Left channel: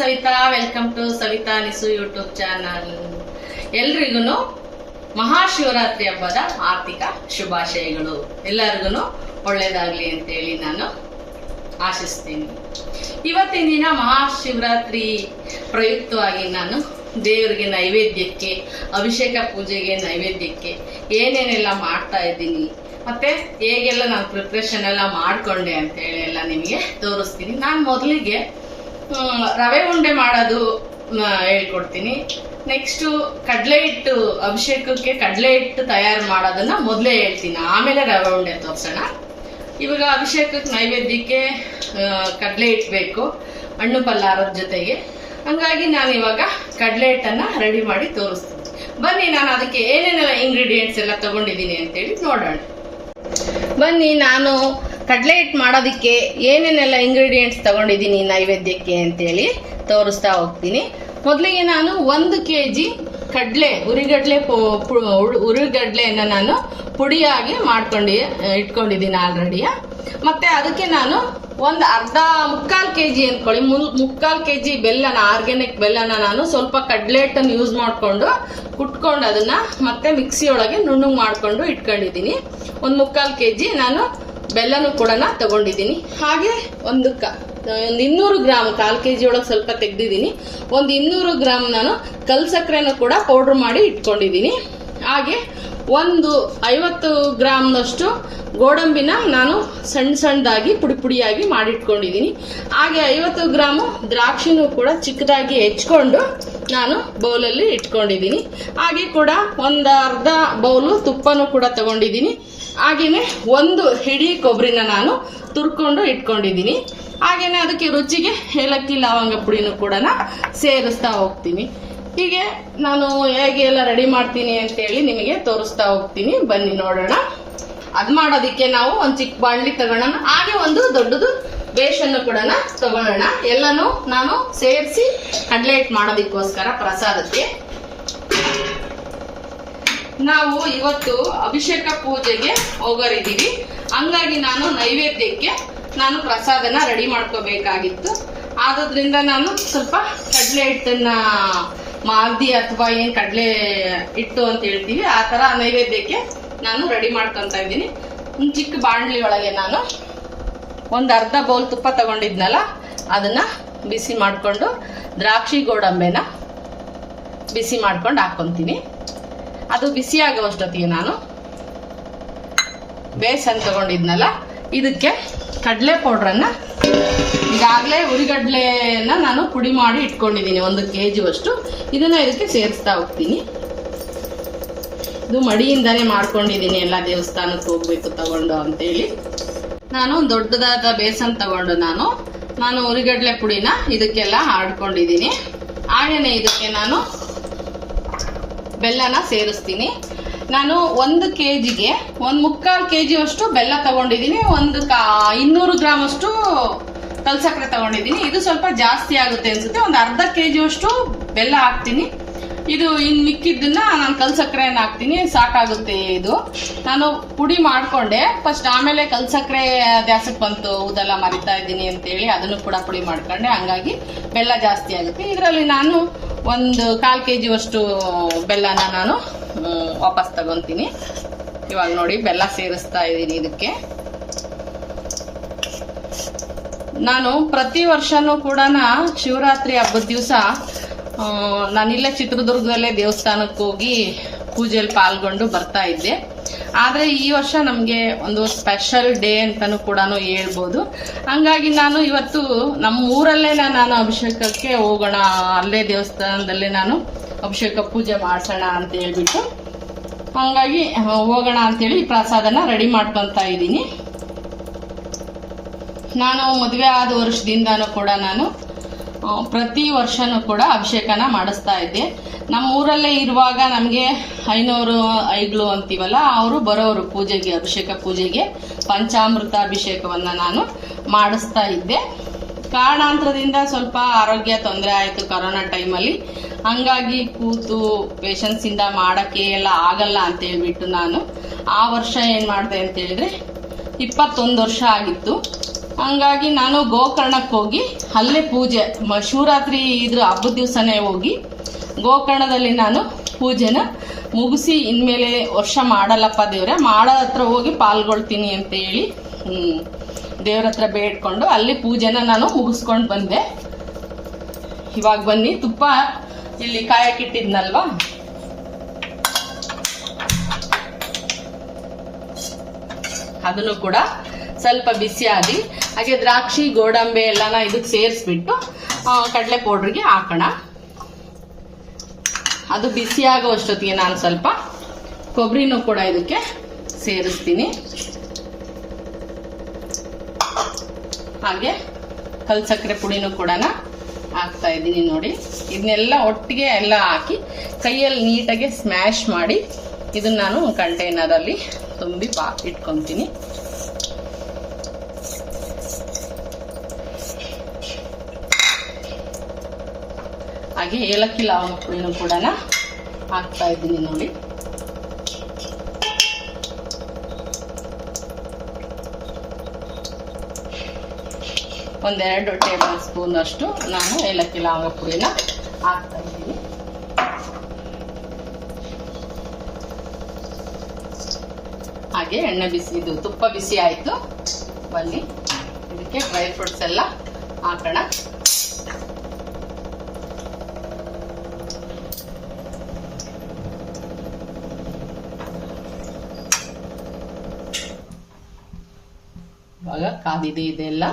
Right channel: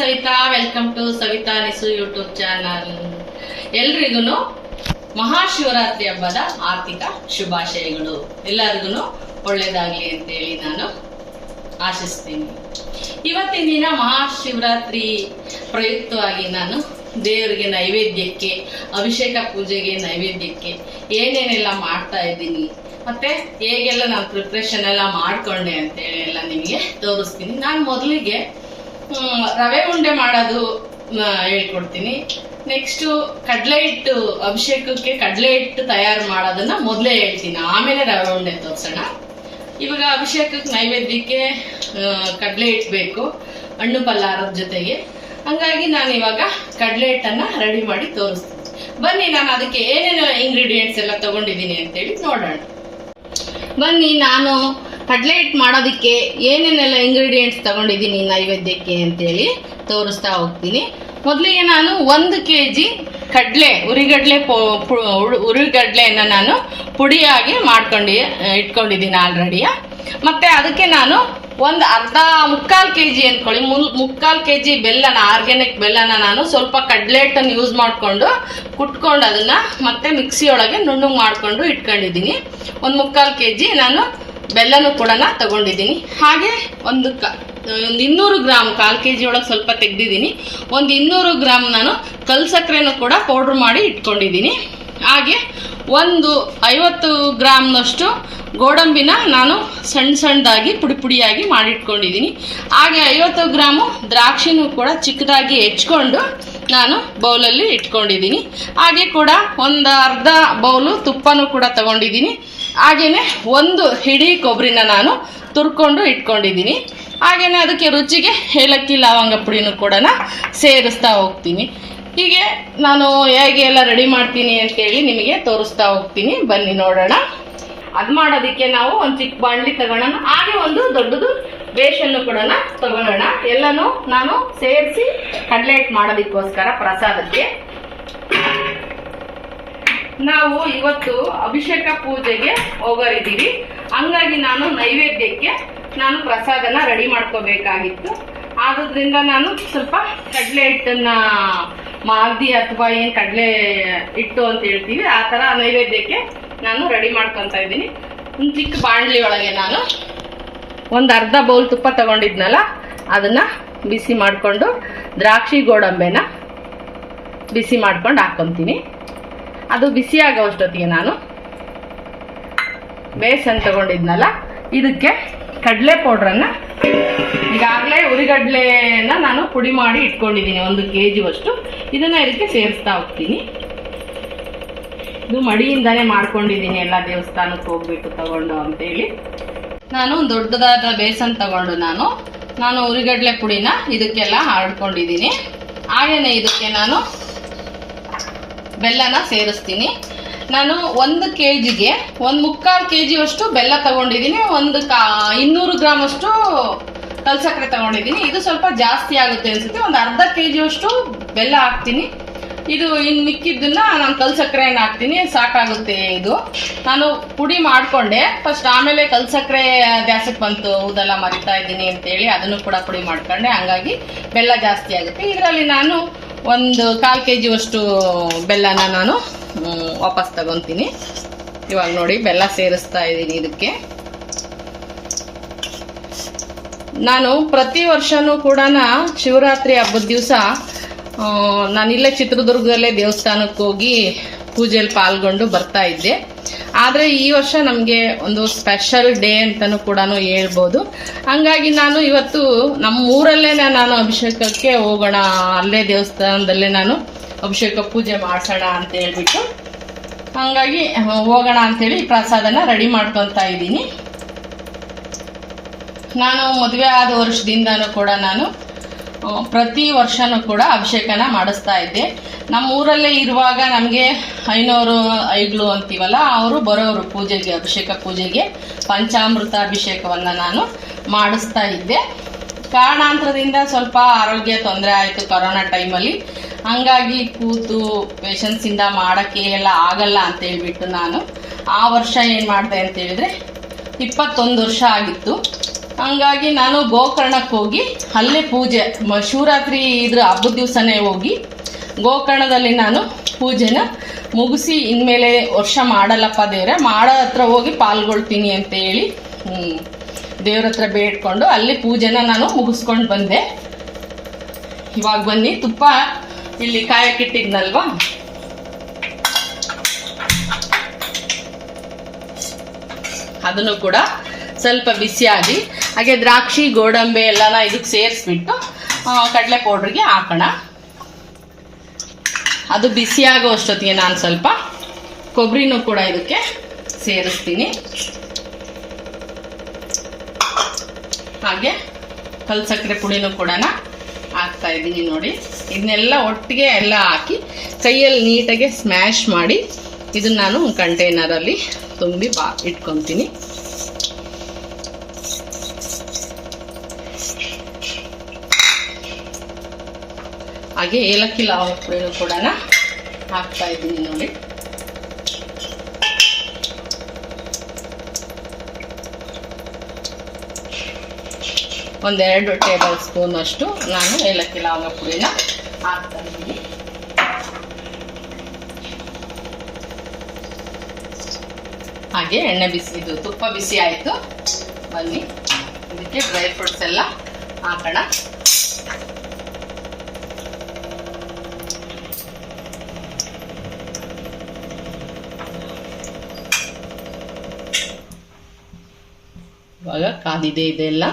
Savita. Welcome to Savita ನಿಸು YouTube channel. ಎಲ್ರಿಗೂ ಮಹಾಶಿವರಾತ್ರಿ ಹಬ್ಬದ ಆರ್ಥಿಕ ಶುಭಾಶಯಗಳು. ಎಲ್ಲರಿಗೂ ಒಳ್ಳೇದಾಗ್ಲಿ ಅಂತೇಳಿ ನಾನು ಆಶಿಸ್ತೀನಿ. ಇವತ್ತಿನ ದಿನ ಮಹಾಶಿವರಾತ್ರಿ ಪ್ರಯುಕ್ತವಾಗಿ ನಾನು ದೇವರಿಗೆ ನೈವೇದ್ಯಕ್ಕೆ, ಅಭಿಷೇಕ ಪೂಜೆಗೆ ನೈವೇದ್ಯಕ್ಕೆ ಏನೇನೆಲ್ಲ ಮಾಡ್ತಾ ಇದ್ದೀನಿ, ಮತ್ತೆ ಹೇಗೆಲ್ಲ ನಾನು ಪ್ರಿಪ್ರೇಷನ್ ಎಲ್ಲ ಮಾಡ್ಕೊಂಡೆ ಅಂತೇಳಿ ಎಲ್ಲ ನಿಮಗೆ ತೋರಿಸ್ತೀನಿ. ನಾನು ಮೊದಲಿಗೆ ರವೆ ಉಂಡೆ ಮಾಡೋದು ಹೇಳ್ಕೊಡ್ತೀನಿ. ನೆಕ್ಸ್ಟ್ ಕಡಲೆ ಹಿಟ್ಟು, ಅಭಿಷೇಕಕ್ಕೆ ಕಡಲೆ ಹಿಟ್ಟು ತಯಾರು ಮಾಡೋದನ್ನ ಮೊದಲೇ ಹೇಳ್ತೀನಿ, ಆಮೇಲೆ ರವೆ ಉಂಡೆ ತೋರ್ಸೋಣ. ಇವಾಗ ಅಭಿಷೇಕಕ್ಕೆ ನೈವೇದ್ಯಕ್ಕೆ ಕಡಲೆ ಹಿಟ್ಟು ಬೇಕು, ಹಣ್ಣು ಪಲ್ಲಾರದ ಜೊತೆಗೆ. ಹಂಗಾಗಿ ನಾನು ಇವಾಗ ಕಡಲೆ ಹಿಟ್ಟನ್ನ ರೆಡಿ ಮಾಡಿ ತೋರಿಸ್ತೀನಿ. ಬನ್ನಿ, ನಾನು ಅದಕ್ಕೆ ಏನೇನೆಲ್ಲ ಇಂಗ್ರೀಡಿಯೆಂಟ್ಸ್ ಎಲ್ಲ ತಗೊಂಡಿದ್ದೀನಿ ಅಂತೇಳಿ ನೋಡೋಣ. ಬನ್ನಿ, ನಾನು ಕಡಲೆ ಹಿಟ್ಟು ಮಾಡೋದಕ್ಕೆ ಏನೇನೆಲ್ಲ ಇಂಗ್ರೀಡಿಯೆಂಟ್ಸ್ ತಗೊಂಡಿದ್ದೀನಿ ನೈವೇದ್ಯಕ್ಕೆ ಅಂತೇಳಿ ತೋರಿಸ್ತಾ ಹೋಗ್ತೀನಿ. ಮೊದಲಿಗೆ ನಾನು 1 kg ಉರಿಗಡ್ಲೆಯನ್ನು ನಾನು ಪುಡಿಯಾಗಿ ಇಟ್ಕೊಂಡಿದ್ದೀನಿ ಆಲ್ರೆಡಿ. ಮತ್ತೆ ಅದಕ್ಕೆ ನಾನು ಮುಕ್ಕಾಲು kg ಅನ್ಕೊಳ್ಳಿ, 3/4 kg ಬೆಲ್ಲನ, ಆರ್ಗ್ಯಾನಿಕ್ ಬೆಲ್ಲನ ನಾನು ಸ್ವಲ್ಪ ಕಡಲೆ ಹಿಟ್ಟನ್ನು ಯೂಸ್ ಮಾಡಿಕೊಂಡು ಕುಟ್ಕೊಂಡು ಅದನ್ನ ಮತ್ತೆ ಮಿಕ್ಸಿ ಒಳಗೆ ನುಣ್ಣಗೆ ಮಾಡಿಕೊಂಡು ಇಟ್ಕೊಂಡಿದ್ದೀನಿ. 3/4 kg ನಾನು ಬೆಲ್ಲನೂ ಕೂಡ ತಗೊಂಡಿದ್ದೀನಿ. ಹಾಗೆ ಒಂದು 200 ಗ್ರಾಮ್, 1/4 kg ಒಳಗೆ ಸ್ವಲ್ಪ ತೆಗ್ದಿದ್ದೀನಿ, 200 ಗ್ರಾಮ್ ನಾನು ಕಲ್ ಸಕ್ಕರೆನೂ ಕೂಡ ಪೌಡ್ರ್ ಮಾಡಿ ಇಟ್ಕೊಂಡಿದ್ದೀನಿ. ಹಾಗೆ 50 ಗ್ರಾಮ್ನಷ್ಟು ಗೋಡಂಬಿನ ನಾನು ಸಣ್ಣದಾಗಿ ಪುಡಿಯಾಗಿ ಮಾಡಿಟ್ಕೊಂಡಿದ್ದೀನಿ. ಹಾಗೆ 50 ಗ್ರಾಮು ದ್ರಾಕ್ಷಿನೂ ಕೂಡ ಚಿಕ್ಕದಾಗಿ ಹೆಚ್ಕೊಂಡು ನಾನು ಬೌಲಲ್ಲಿ ಇಟ್ಕೊಂಡಿದ್ದೀನಿ. ಹಾಗೆ ಕೂಡ ಅರ್ಧ ಬೌಲು ತುಪ್ಪನೂ ಕೂಡ ತಗೊಂಡಿದ್ದೀನಿ. ಹಾಗೇನೆ 1 ಹಿಡಿ ಕೊಬ್ಬರಿನ ನಾನು ತುರ್ಕೊಂಡು ಇಟ್ಕೊಂಡಿದ್ದೀನಿ. ಹಾಗೇನೆ ಅದಕ್ಕೆ ರುಚಿಗೆ ಏಲಕ್ಕಿ ಲವಂಗ ಪುಡಿನೂ ಕೂಡ ಸೇರಿಸ್ತಾ ಹೋಗ್ತೀನಿ. ಹೀಗೆ ನಾನು ಹೇಗೆ ಎಲ್ಲ ರೆಡಿ ಮಾಡ್ತೀನಿ ಅಂತೇಳಿ ನಿಮಗೆ ತೋರಿಸ್ತಾ ಹೋಗ್ತೀನಿ. ಬನ್ನಿ ನೋಡೋಣ. ಅದು ಮಾಡೋದಕ್ಕೆ ನಾವು ಒಂದು ಚಿಕ್ಕ ಬಾಣಲಿ ತಗೊಳ್ಳೋಣ. ಹಾಗೆ ಒಂದು ದೊಡ್ಡದು ಬೇಷನ್ನು ಕೂಡ ತಗೊಳ್ಳೋಣ. ಎಲ್ಲನೂ ನಾನು ಸೇರಿಸಿ ಕಡಲೆ ಹಿಟ್ಟು ಮಾಡೋದಕ್ಕೋಸ್ಕರ ಪ್ರಸಾದಕ್ಕೆ. ನಾವು ಇವತ್ತು ಅಭಿಷೇಕ ಪೂಜೆಗೆ ಹೋಗೋರಿದ್ದೀವಿ. ಹಂಗಾಗಿ ನಾನು ನೈವೇದ್ಯಕ್ಕೆ ನಾನು ಪ್ರಸಾದನ ರೆಡಿ ಮಾಡ್ಕೋಬೇಕಾಗಿತ್ತು. ಆದ್ರಿಂದ ನಾನು ಸ್ವಲ್ಪ ಕಡಲೆ ಹಿಟ್ಟನ್ನ ಮಾಲ್ದಿ ಅಥವಾ ಏನು ಕಡಲೆ ಹಿಟ್ಟು ಅಂತ ಹೇಳ್ತೀವಿ, ಆ ಥರ ನೈವೇದ್ಯಕ್ಕೆ ನಾನು ರೆಡಿ ಮಾಡ್ಕೊತಾ ಇದ್ದೀನಿ. ಒಂದು ಚಿಕ್ಕ ಬಾಣಲಿ ಒಳಗೆ ನಾನು ಅರ್ಧ ಬೌಲ್ ತುಪ್ಪ ತಗೊಂಡಿದ್ನಲ್ಲ, ಅದನ್ನ ಬಿಸಿ ಮಾಡಿಕೊಂಡು ದ್ರಾಕ್ಷಿ ಗೋಡಂಬೆನ ಬಿಸಿ ಮಾಡ್ಕೊಂಡು ಹಾಕ್ಕೊತೀನಿ. ಅದು ಬಿಸಿ ಆಗೋಷ್ಟೊತ್ತಿಗೆ ನಾನು ಬೇಸನ್ ತಗೊಂಡಿದ್ನಲ್ಲ, ಇದಕ್ಕೆ ಕಡಲೆ ಪೌಡ್ರನ್ನ, ಈಗಾಗಲೇ ಉರಿಗಡ್ಲೆನ ನಾನು ಪುಡಿ ಮಾಡಿ ಇಟ್ಕೊಂಡಿದ್ದೀನಿ 1 kg ಅಷ್ಟು. ಇದನ್ನ ಇದಕ್ಕೆ ಸೇರಿಸ್ತಾ ಹೋಗ್ತೀನಿ. ಇದು ಮಡಿಯಿಂದಾನೇ ಮಾಡ್ಕೊಂಡಿದ್ದೀನಿ, ಎಲ್ಲ ದೇವಸ್ಥಾನಕ್ಕೆ ಹೋಗ್ಬೇಕು ತಗೊಂಡು ಅಂತೇಳಿ. ನಾನು ದೊಡ್ಡದಾದ ಬೇಸನ್ ತಗೊಂಡು ನಾನು ಉರಿಗಡ್ಲೆ ಪುಡಿನ ಇದಕ್ಕೆಲ್ಲ ಆಡ್ಕೊಂಡಿದ್ದೀನಿ. ಹಾಗೇನೆ ಇದಕ್ಕೆ ನಾನು ಬೆಲ್ಲನ ಸೇರಿಸ್ತೀನಿ. ನಾನು 1 kgಗೆ 3/4 kg ಅಷ್ಟು ಬೆಲ್ಲ ತಗೊಂಡಿದ್ದೀನಿ. 200 ಗ್ರಾಮ್ ಅಷ್ಟು ಕಲ್ ಸಕ್ಕರೆ ತಗೊಂಡಿದ್ದೀನಿ. ಇದು ಸ್ವಲ್ಪ ಜಾಸ್ತಿ ಆಗುತ್ತೆ ಅನ್ಸುತ್ತೆ. ಅರ್ಧ kg ಅಷ್ಟು ಬೆಲ್ಲ ಹಾಕ್ತೀನಿ. ಇದು ಇನ್ನು ಮಿಕ್ಕಿದ್ದನ್ನ ನಾನು ಕಲ್ ಸಕ್ಕರೆನ ಹಾಕ್ತೀನಿ, ಸಾಕಾಗುತ್ತೆ. ಇದು ನಾನು ಪುಡಿ ಮಾಡ್ಕೊಂಡೆ ಫಸ್ಟ್, ಆಮೇಲೆ ಕಲ್ ಸಕ್ಕರೆ ಗ್ಯಾಸಕ್ಕೆ ಬಂತು, ಊದೆಲ್ಲ ಮರಿತಾ ಇದ್ದೀನಿ ಅಂತೇಳಿ ಅದನ್ನು ಕೂಡ ಪುಡಿ ಮಾಡ್ಕೊಂಡೆ. ಹಂಗಾಗಿ ಬೆಲ್ಲ ಜಾಸ್ತಿ ಆಗುತ್ತೆ. ಇದರಲ್ಲಿ ನಾನು 1/4 kg ಅಷ್ಟು ಬೆಲ್ಲನ ನಾನು ವಾಪಸ್ ತಗೊಂತೀನಿ. ಇವಾಗ ನೋಡಿ, ಬೆಲ್ಲ ಸೇರಿಸ್ತಾ ಇದ್ದೀನಿ ಇದಕ್ಕೆ. ನಾನು ಪ್ರತಿ ವರ್ಷನೂ ಕೂಡ ಶಿವರಾತ್ರಿ ಹಬ್ಬದ ದಿವಸ ನಾನಿಲ್ಲೇ ಚಿತ್ರದುರ್ಗದಲ್ಲೇ ದೇವಸ್ಥಾನಕ್ಕೆ ಹೋಗಿ ಪೂಜೆಯಲ್ಲಿ ಪಾಲ್ಗೊಂಡು ಬರ್ತಾ ಇದ್ದೆ. ಆದರೆ ಈ ವರ್ಷ ನಮಗೆ ಒಂದು ಸ್ಪೆಷಲ್ ಡೇ ಅಂತಲೂ ಕೂಡ ಹೇಳ್ಬೋದು. ಹಂಗಾಗಿ ನಾನು ಇವತ್ತು ನಮ್ಮ ಊರಲ್ಲೇ ನಾನು ಅಭಿಷೇಕಕ್ಕೆ ಹೋಗೋಣ, ಅಲ್ಲೇ ದೇವಸ್ಥಾನದಲ್ಲೇ ನಾನು ಅಭಿಷೇಕ ಪೂಜೆ ಮಾಡಿಸೋಣ ಅಂತ ಹೇಳ್ಬಿಟ್ಟು, ಹಂಗಾಗಿ ಹೋಗೋಣ ಅಂತೇಳಿ ಪ್ರಸಾದನ ರೆಡಿ ಮಾಡ್ಕೊತಾ ಇದ್ದೀನಿ. ನಾನು ಮದುವೆ ಆದ ವರ್ಷದಿಂದನೂ ಕೂಡ ನಾನು ಪ್ರತಿ ವರ್ಷನೂ ಕೂಡ ಅಭಿಷೇಕನ ಮಾಡಿಸ್ತಾ ಇದ್ದೆ. ನಮ್ಮ ಊರಲ್ಲೇ ಇರುವಾಗ ನಮಗೆ ಐಗಳು ಅಂತೀವಲ್ಲ, ಅವರು ಬರೋರು ಪೂಜೆಗೆ, ಅಭಿಷೇಕ ಪೂಜೆಗೆ ಪಂಚಾಮೃತ ಅಭಿಷೇಕವನ್ನು ನಾನು ಮಾಡಿಸ್ತಾ ಇದ್ದೆ. ಕಾರಣಾಂತರದಿಂದ ಸ್ವಲ್ಪ ಆರೋಗ್ಯ ತೊಂದರೆ ಆಯಿತು ಕೊರೋನಾ ಟೈಮಲ್ಲಿ. ಹಂಗಾಗಿ ಕೂತು ಪೇಷನ್ಸಿಂದ ಮಾಡೋಕ್ಕೆ ಎಲ್ಲ ಆಗಲ್ಲ ಅಂತ ಹೇಳ್ಬಿಟ್ಟು ನಾನು ಆ ವರ್ಷ ಏನು ಮಾಡಿದೆ ಅಂತ ಹೇಳಿದ್ರೆ 21 ವರ್ಷ ಆಗಿತ್ತು. ಹಂಗಾಗಿ ನಾನು ಗೋಕರ್ಣಕ್ಕೆ ಹೋಗಿ ಅಲ್ಲೇ ಪೂಜೆ ಶಿವರಾತ್ರಿ ಇದ್ರ ಹಬ್ಬದ ದಿವಸನೇ ಹೋಗಿ ಗೋಕರ್ಣದಲ್ಲಿ ನಾನು ಪೂಜೆನ ಮುಗಿಸಿ ಇನ್ಮೇಲೆ ವರ್ಷ ಮಾಡಲ್ಲಪ್ಪ ದೇವ್ರೆ, ಮಾಡೋ ಹತ್ರ ಹೋಗಿ ಪಾಲ್ಗೊಳ್ತೀನಿ ಅಂತ ಹೇಳಿ ದೇವ್ರ ಹತ್ರ ಬೇಡ್ಕೊಂಡು ಅಲ್ಲಿ ಪೂಜೆನ ನಾನು ಮುಗಿಸ್ಕೊಂಡು ಬಂದೆ. ಇವಾಗ ಬನ್ನಿ ತುಪ್ಪ ಇಲ್ಲಿ ಕಾಯಕ್ಕಿಟ್ಟಿದ್ನಲ್ವಾ, ಅದನ್ನು ಕೂಡ ಸ್ವಲ್ಪ ಬಿಸಿಯಾಗಿ ಹಾಗೆ ದ್ರಾಕ್ಷಿ ಗೋಡಂಬಿ ಎಲ್ಲನ ಇದಕ್ಕೆ ಸೇರಿಸ್ಬಿಟ್ಟು ಕಡಲೆ ಪೌಡ್ರಿಗೆ ಹಾಕೋಣ. ಅದು ಬಿಸಿಯಾಗೋ ಅಷ್ಟೊತ್ತಿಗೆ ನಾನು ಸ್ವಲ್ಪ ಕೊಬ್ಬರಿನೂ ಕೂಡ ಇದಕ್ಕೆ ಸೇರಿಸ್ತೀನಿ. ಹಾಗೆ ಕಲ್ ಸಕ್ಕರೆ ಪುಡಿನೂ ಕೂಡ ಹಾಕ್ತಾ ಇದ್ದೀನಿ ನೋಡಿ. ಇದನ್ನೆಲ್ಲ ಒಟ್ಟಿಗೆ ಎಲ್ಲ ಹಾಕಿ ಕೈಯಲ್ಲಿ ನೀಟಾಗಿ ಸ್ಮ್ಯಾಶ್ ಮಾಡಿ ಇದನ್ನ ನಾನು ಕಂಟೈನರಲ್ಲಿ ತುಂಬಿ ಇಟ್ಕೊತೀನಿ. ಹಾಗೆ ಏಲಕ್ಕಿ ಲವಂಗ ಪುಡಿನೂ ಕೂಡ ಹಾಕ್ತಾ ಇದ್ದೀನಿ ನೋಡಿ. ಒಂದೆರಡು ಟೇಬಲ್ ಸ್ಪೂನ್ ಅಷ್ಟು ನಾನು ಏಲಕ್ಕಿ ಲವಂಗ ಪುಡಿನ ಹಾಕ್ತಾ ಇದ್ದೀನಿ. ಹಾಗೆ ಎಣ್ಣೆ ಇದು ತುಪ್ಪ ಬಿಸಿ ಆಯಿತು. ಬನ್ನಿ ಇದಕ್ಕೆ ಡ್ರೈ ಫ್ರೂಟ್ಸ್ ಎಲ್ಲ ಹಾಕೋಣ. ಇವಾಗ ಕಾದಿದೆ ಇದೆಲ್ಲ.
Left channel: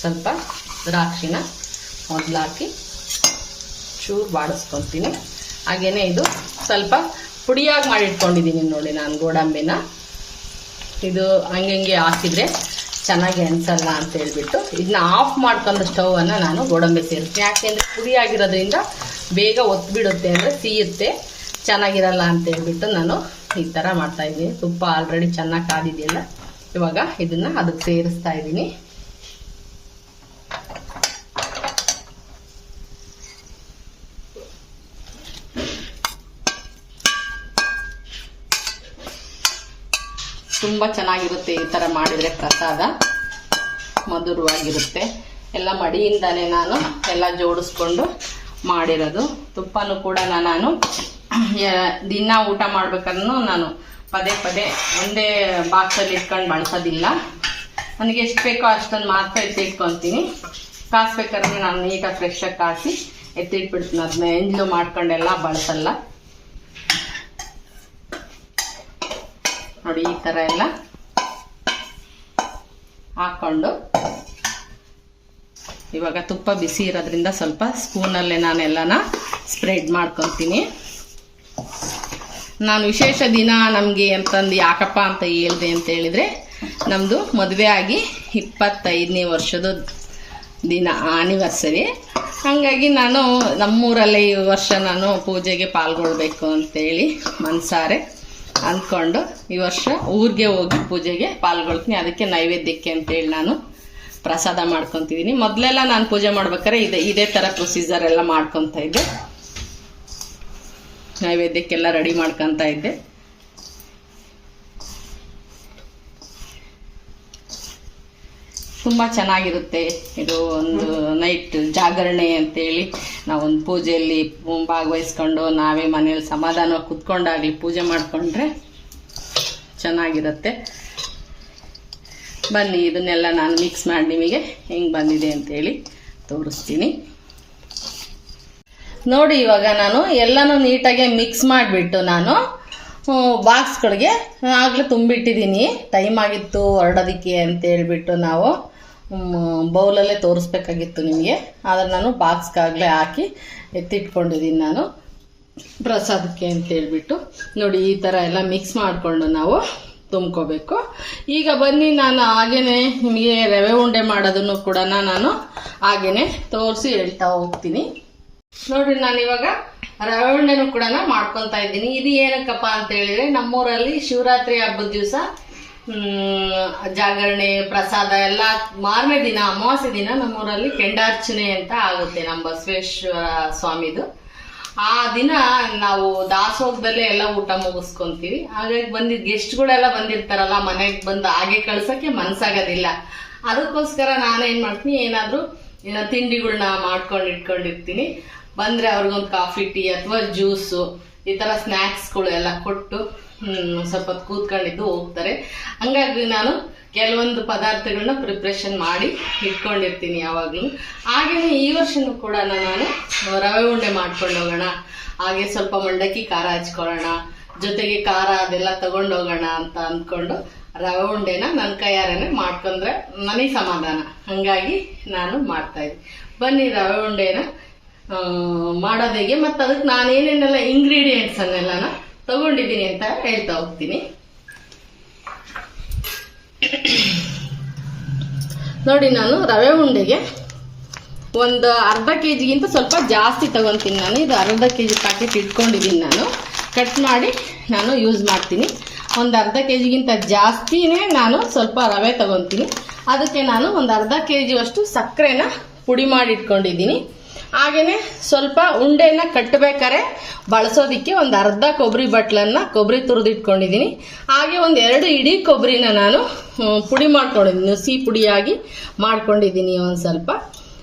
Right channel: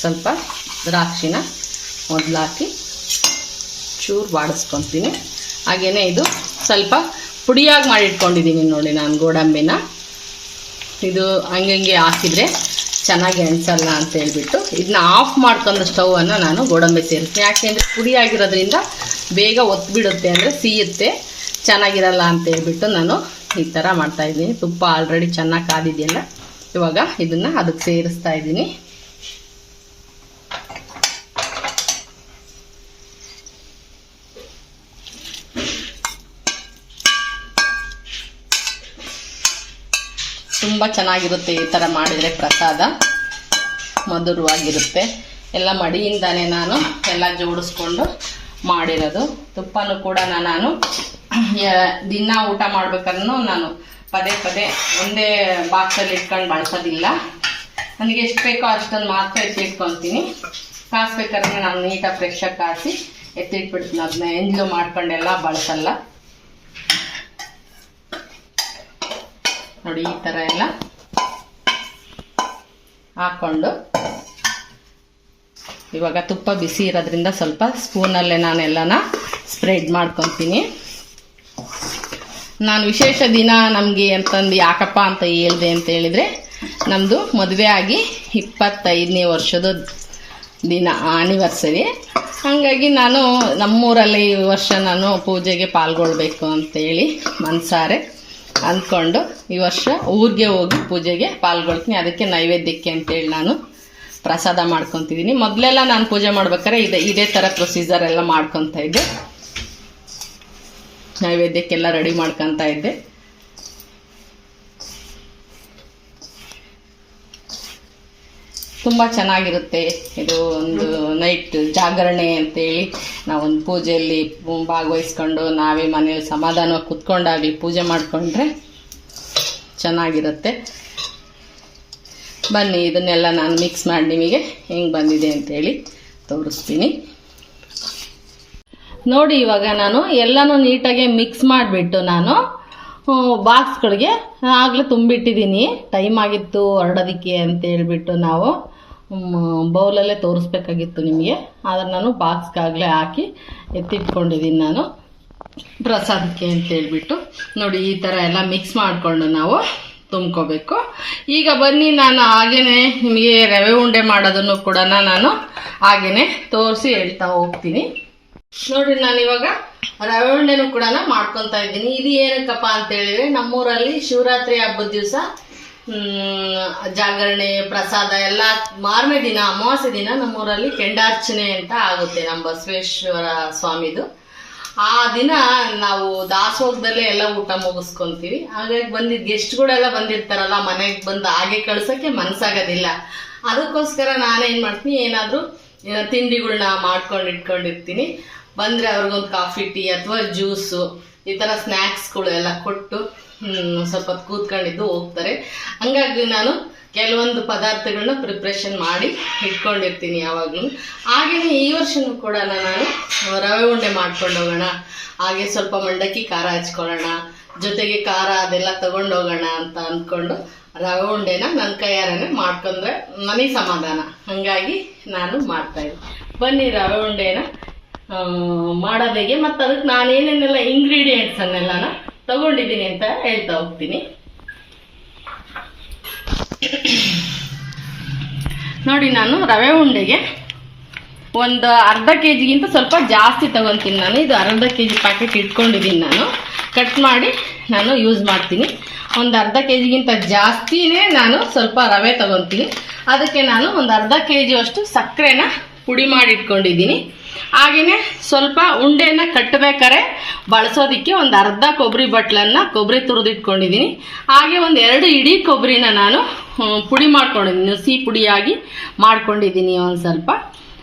ಸ್ವಲ್ಪ ದ್ರಾಕ್ಷಿನ ಮೊದಲು ಹಾಕಿ ಚೂರು ಬಾಡಿಸ್ಕೊತೀನಿ. ಹಾಗೇನೆ ಇದು ಸ್ವಲ್ಪ ಪುಡಿಯಾಗಿ ಮಾಡಿಟ್ಕೊಂಡಿದ್ದೀನಿ ನೋಡಿ ನಾನು ಗೋಡಂಬಿನ. ಇದು ಹಂಗೆ ಹಾಕಿದರೆ ಚೆನ್ನಾಗಿ ಅನಿಸಲ್ಲ ಅಂತ ಹೇಳ್ಬಿಟ್ಟು ಇದನ್ನ ಆಫ್ ಮಾಡ್ಕೊಂಡು ಸ್ಟವನ್ನು ನಾನು ಗೋಡಂಬಿ ಸೇರಿಸ್ತೀನಿ. ಯಾಕೆಂದರೆ ಪುಡಿ ಆಗಿರೋದ್ರಿಂದ ಬೇಗ ಒತ್ತಿಬಿಡುತ್ತೆ, ಅಂದರೆ ಸಿಯುತ್ತೆ, ಚೆನ್ನಾಗಿರಲ್ಲ ಅಂತ ಹೇಳ್ಬಿಟ್ಟು ನಾನು ಈ ಥರ ಮಾಡ್ತಾಯಿದ್ದೀನಿ. ತುಪ್ಪ ಆಲ್ರೆಡಿ ಚೆನ್ನಾಗಿ ಕಾದಿದೆಯಲ್ಲ, ಇವಾಗ ಇದನ್ನು ಅದಕ್ಕೆ ಸೇರಿಸ್ತಾ ಇದ್ದೀನಿ. ತುಂಬ ಚೆನ್ನಾಗಿರುತ್ತೆ ಈ ಥರ ಮಾಡಿದರೆ, ಪ್ರಸಾದ ಮಧುರವಾಗಿರುತ್ತೆ. ಎಲ್ಲ ಮಡಿಯಿಂದಾನೆ ನಾನು ಎಲ್ಲ ಜೋಡಿಸ್ಕೊಂಡು ಮಾಡಿರೋದು. ತುಪ್ಪನೂ ಕೂಡ ನಾನು ದಿನ ಊಟ ಮಾಡ್ಬೇಕಾದ್ರೂ ನಾನು ಪದೇ ಪದೇ ಒಂದೇ ಬಾಕ್ಸಲ್ಲಿ ಇಟ್ಕೊಂಡು ಬಳಸೋದಿಲ್ಲ. ನನಗೆ ಎಷ್ಟು ಬೇಕೋ ಅಷ್ಟನ್ನು ಮಾತ್ರ ಎತ್ತಿಟ್ಕೊತೀನಿ. ಕಾಸ್ಬೇಕಾದ್ರೆ ನಾನು ನೀಟಾಗಿ ಫ್ರೆಶಾಗಿ ಕಾಸಿ ಎತ್ತಿಟ್ಬಿಡ್ತೀನಿ. ಅದನ್ನ ಎಂಜಲು ಮಾಡ್ಕೊಂಡೆಲ್ಲ ಬಳಸಲ್ಲ ನೋಡಿ. ಈ ಥರ ಎಲ್ಲ ಹಾಕ್ಕೊಂಡು ಇವಾಗ ತುಪ್ಪ ಬಿಸಿ ಇರೋದ್ರಿಂದ ಸ್ವಲ್ಪ ಸ್ಪೂನಲ್ಲೇ ನಾನೆಲ್ಲನ ಸ್ಪ್ರೆಡ್ ಮಾಡ್ಕೊತೀನಿ. ನಾನು ವಿಶೇಷ ದಿನ ನಮಗೆ ಅಂತಂದು ಯಾಕಪ್ಪ ಅಂತ ಹೇಳಿದೆ ಅಂತ ಹೇಳಿದರೆ, ನಮ್ಮದು ಮದುವೆ ಆಗಿ 25ನೇ ವರ್ಷದ ದಿನ ಆನಿವರ್ಸರಿ. ಹಾಗಾಗಿ ನಾನು ನಮ್ಮೂರಲ್ಲಿ ಈ ವರ್ಷ ನಾನು ಪೂಜೆಗೆ ಪಾಲ್ಗೊಳ್ಬೇಕು ಅಂತೇಳಿ ಮನಸಾರೆ ಅಂದ್ಕೊಂಡು ಈ ವರ್ಷ ಊರಿಗೆ ಹೋಗಿ ಪೂಜೆಗೆ ಪಾಲ್ಗೊಳ್ತೀನಿ. ಅದಕ್ಕೆ ನೈವೇದ್ಯಕ್ಕೆ ಅಂತೇಳಿ ನಾನು ಪ್ರಸಾದ ಮಾಡ್ಕೊತಿದ್ದೀನಿ. ಮೊದಲೆಲ್ಲ ನಾನು ಪೂಜೆ ಮಾಡ್ಬೇಕಾದ್ರೆ ಇದೇ ಥರ ಪ್ರೊಸೀಜರ್ ಎಲ್ಲ ಮಾಡ್ಕೊತಾ ಇದ್ದೆ. ನೈವೇದ್ಯಕ್ಕೆಲ್ಲ ರೆಡಿ ಮಾಡ್ಕೊತಾ ಇದ್ದೆ. ತುಂಬ ಚೆನ್ನಾಗಿರುತ್ತೆ ಇದು. ಒಂದು ನೈಟ್ ಜಾಗರಣೆ ಅಂತೇಳಿ ನಾವೊಂದು ಪೂಜೆಯಲ್ಲಿ ಭಾಗವಹಿಸ್ಕೊಂಡು ನಾವೇ ಮನೇಲಿ ಸಮಾಧಾನವಾಗಿ ಕುತ್ಕೊಂಡಾಗಲಿ ಪೂಜೆ ಮಾಡಿಕೊಂಡ್ರೆ ಚೆನ್ನಾಗಿರುತ್ತೆ. ಬನ್ನಿ ಇದನ್ನೆಲ್ಲ ನಾನು ಮಿಕ್ಸ್ ಮಾಡಿ ನಿಮಗೆ ಹೆಂಗೆ ಬಂದಿದೆ ಅಂತೇಳಿ ತೋರಿಸ್ತೀನಿ ನೋಡಿ. ಇವಾಗ ನಾನು ಎಲ್ಲನೂ ನೀಟಾಗಿ ಮಿಕ್ಸ್ ಮಾಡಿಬಿಟ್ಟು ನಾನು ಬಾಕ್ಸ್ಗಳಿಗೆ ಆಗಲೇ ತುಂಬಿಟ್ಟಿದ್ದೀನಿ. ಟೈಮ್ ಆಗಿತ್ತು ಹೊರಡೋದಕ್ಕೆ ಅಂತ ಹೇಳ್ಬಿಟ್ಟು ನಾವು ಬೌಲಲ್ಲೇ ತೋರಿಸ್ಬೇಕಾಗಿತ್ತು ನಿಮಗೆ. ಆದರೆ ನಾನು ಬಾಕ್ಸ್ಗಾಗಲೇ ಹಾಕಿ ಎತ್ತಿಟ್ಕೊಂಡಿದ್ದೀನಿ ನಾನು ಪ್ರಸಾದಕ್ಕೆ ಅಂತೇಳ್ಬಿಟ್ಟು. ನೋಡಿ ಈ ಥರ ಎಲ್ಲ ಮಿಕ್ಸ್ ಮಾಡಿಕೊಂಡು ನಾವು ತುಂಬ್ಕೋಬೇಕು. ಈಗ ಬನ್ನಿ ನಾನು ಹಾಗೇನೆ ನಿಮಗೆ ರವೆ ಉಂಡೆ ಮಾಡೋದನ್ನು ಕೂಡ ನಾನು ಹಾಗೇನೆ ತೋರಿಸಿ ಹೇಳ್ತಾ ಹೋಗ್ತೀನಿ ನೋಡಿ. ನಾನು ಇವಾಗ ರವೆ ಉಂಡೆನೂ ಕೂಡ ಮಾಡ್ಕೊತಾ ಇದ್ದೀನಿ. ಇದು ಏನಕ್ಕಪ್ಪ ಅಂತ ಹೇಳಿದ್ರೆ, ನಮ್ಮೂರಲ್ಲಿ ಶಿವರಾತ್ರಿ ಹಬ್ಬದ ದಿವಸ ಜಾಗರಣೆ ಪ್ರಸಾದ ಎಲ್ಲ ಮಾರನೇ ದಿನ ಅಮಾವಾಸ್ಯೆ ದಿನ ನಮ್ಮೂರಲ್ಲಿ ಕೆಂಡಾರ್ಚನೆ ಅಂತ ಆಗುತ್ತೆ, ನಮ್ಮ ಬಸವೇಶ್ವರ ಸ್ವಾಮಿದು. ಆ ದಿನ ನಾವು ದಾಸೋಗದಲ್ಲೇ ಎಲ್ಲ ಊಟ ಮುಗಿಸ್ಕೊಂತೀವಿ. ಹಾಗಾಗಿ ಬಂದಿದ್ದ ಗೆಸ್ಟ್ಗಳೆಲ್ಲ ಬಂದಿರ್ತಾರಲ್ಲ, ಮನೆಗೆ ಬಂದು ಹಾಗೆ ಕಳ್ಸೋಕ್ಕೆ ಮನ್ಸಾಗೋದಿಲ್ಲ. ಅದಕ್ಕೋಸ್ಕರ ನಾನೇನು ಮಾಡ್ತೀನಿ, ಏನಾದರೂ ತಿಂಡಿಗಳನ್ನ ಮಾಡ್ಕೊಂಡು ಇಟ್ಕೊಂಡಿರ್ತೀನಿ. ಬಂದರೆ ಅವ್ರಿಗೊಂದು ಕಾಫಿ ಟೀ ಅಥವಾ ಜ್ಯೂಸು ಈ ಥರ ಸ್ನ್ಯಾಕ್ಸ್ಗಳು ಎಲ್ಲ ಕೊಟ್ಟು ಸ್ವಲ್ಪ ಹೊತ್ತು ಕೂತ್ಕೊಂಡಿದ್ದು ಹೋಗ್ತಾರೆ. ಹಂಗಾಗಿ ನಾನು ಕೆಲವೊಂದು ಪದಾರ್ಥಗಳನ್ನ ಪ್ರಿಪ್ರೇಷನ್ ಮಾಡಿ ಇಟ್ಕೊಂಡಿರ್ತೀನಿ ಯಾವಾಗಲೂ. ಹಾಗೆಯೇ ಈ ವರ್ಷನೂ ಕೂಡ ನಾನು ರವೆ ಉಂಡೆ ಮಾಡ್ಕೊಂಡು ಹೋಗೋಣ, ಹಾಗೆ ಸ್ವಲ್ಪ ಮಂಡಕ್ಕಿ ಖಾರ ಹಚ್ಕೊಳ್ಳೋಣ, ಜೊತೆಗೆ ಖಾರ ಅದೆಲ್ಲ ತಗೊಂಡೋಗೋಣ ಅಂತ ಅಂದ್ಕೊಂಡು ರವೆ ಉಂಡೆನ ನನ್ನ ಕೈಯಾರನೇ ಮಾಡ್ಕೊಂಡ್ರೆ ನನಗೆ ಸಮಾಧಾನ. ಹಾಗಾಗಿ ನಾನು ಮಾಡ್ತಾಯಿದ್ದೆ. ಬನ್ನಿ ರವೆ ಉಂಡೆನ ಮಾಡೋದಾಗೆ ಮತ್ತು ಅದಕ್ಕೆ ನಾನೇನೇನೆಲ್ಲ ಇಂಗ್ರೀಡಿಯೆಂಟ್ಸನ್ನೆಲ್ಲ ತಗೊಂಡಿದ್ದೀನಿ ಅಂತ ಹೇಳ್ತಾ ಹೋಗ್ತೀನಿ. ನೋಡಿ, ನಾನು ರವೆ ಉಂಡೆಗೆ ಒಂದು ಅರ್ಧ ಕೆ ಜಿಗಿಂತ ಸ್ವಲ್ಪ ಜಾಸ್ತಿ ತಗೊತೀನಿ. ನಾನು ಇದು ಅರ್ಧ ಕೆ ಜಿ ಪ್ಯಾಕೆಟ್ ಇಟ್ಕೊಂಡಿದ್ದೀನಿ. ನಾನು ಕಟ್ ಮಾಡಿ ನಾನು ಯೂಸ್ ಮಾಡ್ತೀನಿ. ಒಂದು ಅರ್ಧ ಕೆ ಜಿಗಿಂತ ಜಾಸ್ತಿನೇ ನಾನು ಸ್ವಲ್ಪ ರವೆ ತಗೊತೀನಿ. ಅದಕ್ಕೆ ನಾನು ಒಂದು ಅರ್ಧ ಕೆ ಜಿಯಷ್ಟು ಸಕ್ಕರೆನ ಪುಡಿ ಮಾಡಿ ಇಟ್ಕೊಂಡಿದ್ದೀನಿ. ಹಾಗೆಯೇ ಸ್ವಲ್ಪ ಉಂಡೆನ ಕಟ್ಟಬೇಕಾರೆ ಬಳಸೋದಕ್ಕೆ ಒಂದು ಅರ್ಧ ಕೊಬ್ಬರಿ ಬಟ್ಲನ್ನು ಕೊಬ್ಬರಿ ತುರಿದಿಟ್ಕೊಂಡಿದ್ದೀನಿ. ಹಾಗೆ ಒಂದು 2 ಇಡೀ ಕೊಬ್ಬರಿನ ನಾನು ಪುಡಿ ಮಾಡ್ಕೊಂಡಿದ್ದೀನಿ, ಸಿಹಿ ಪುಡಿಯಾಗಿ ಮಾಡ್ಕೊಂಡಿದ್ದೀನಿ ಒಂದು ಸ್ವಲ್ಪ.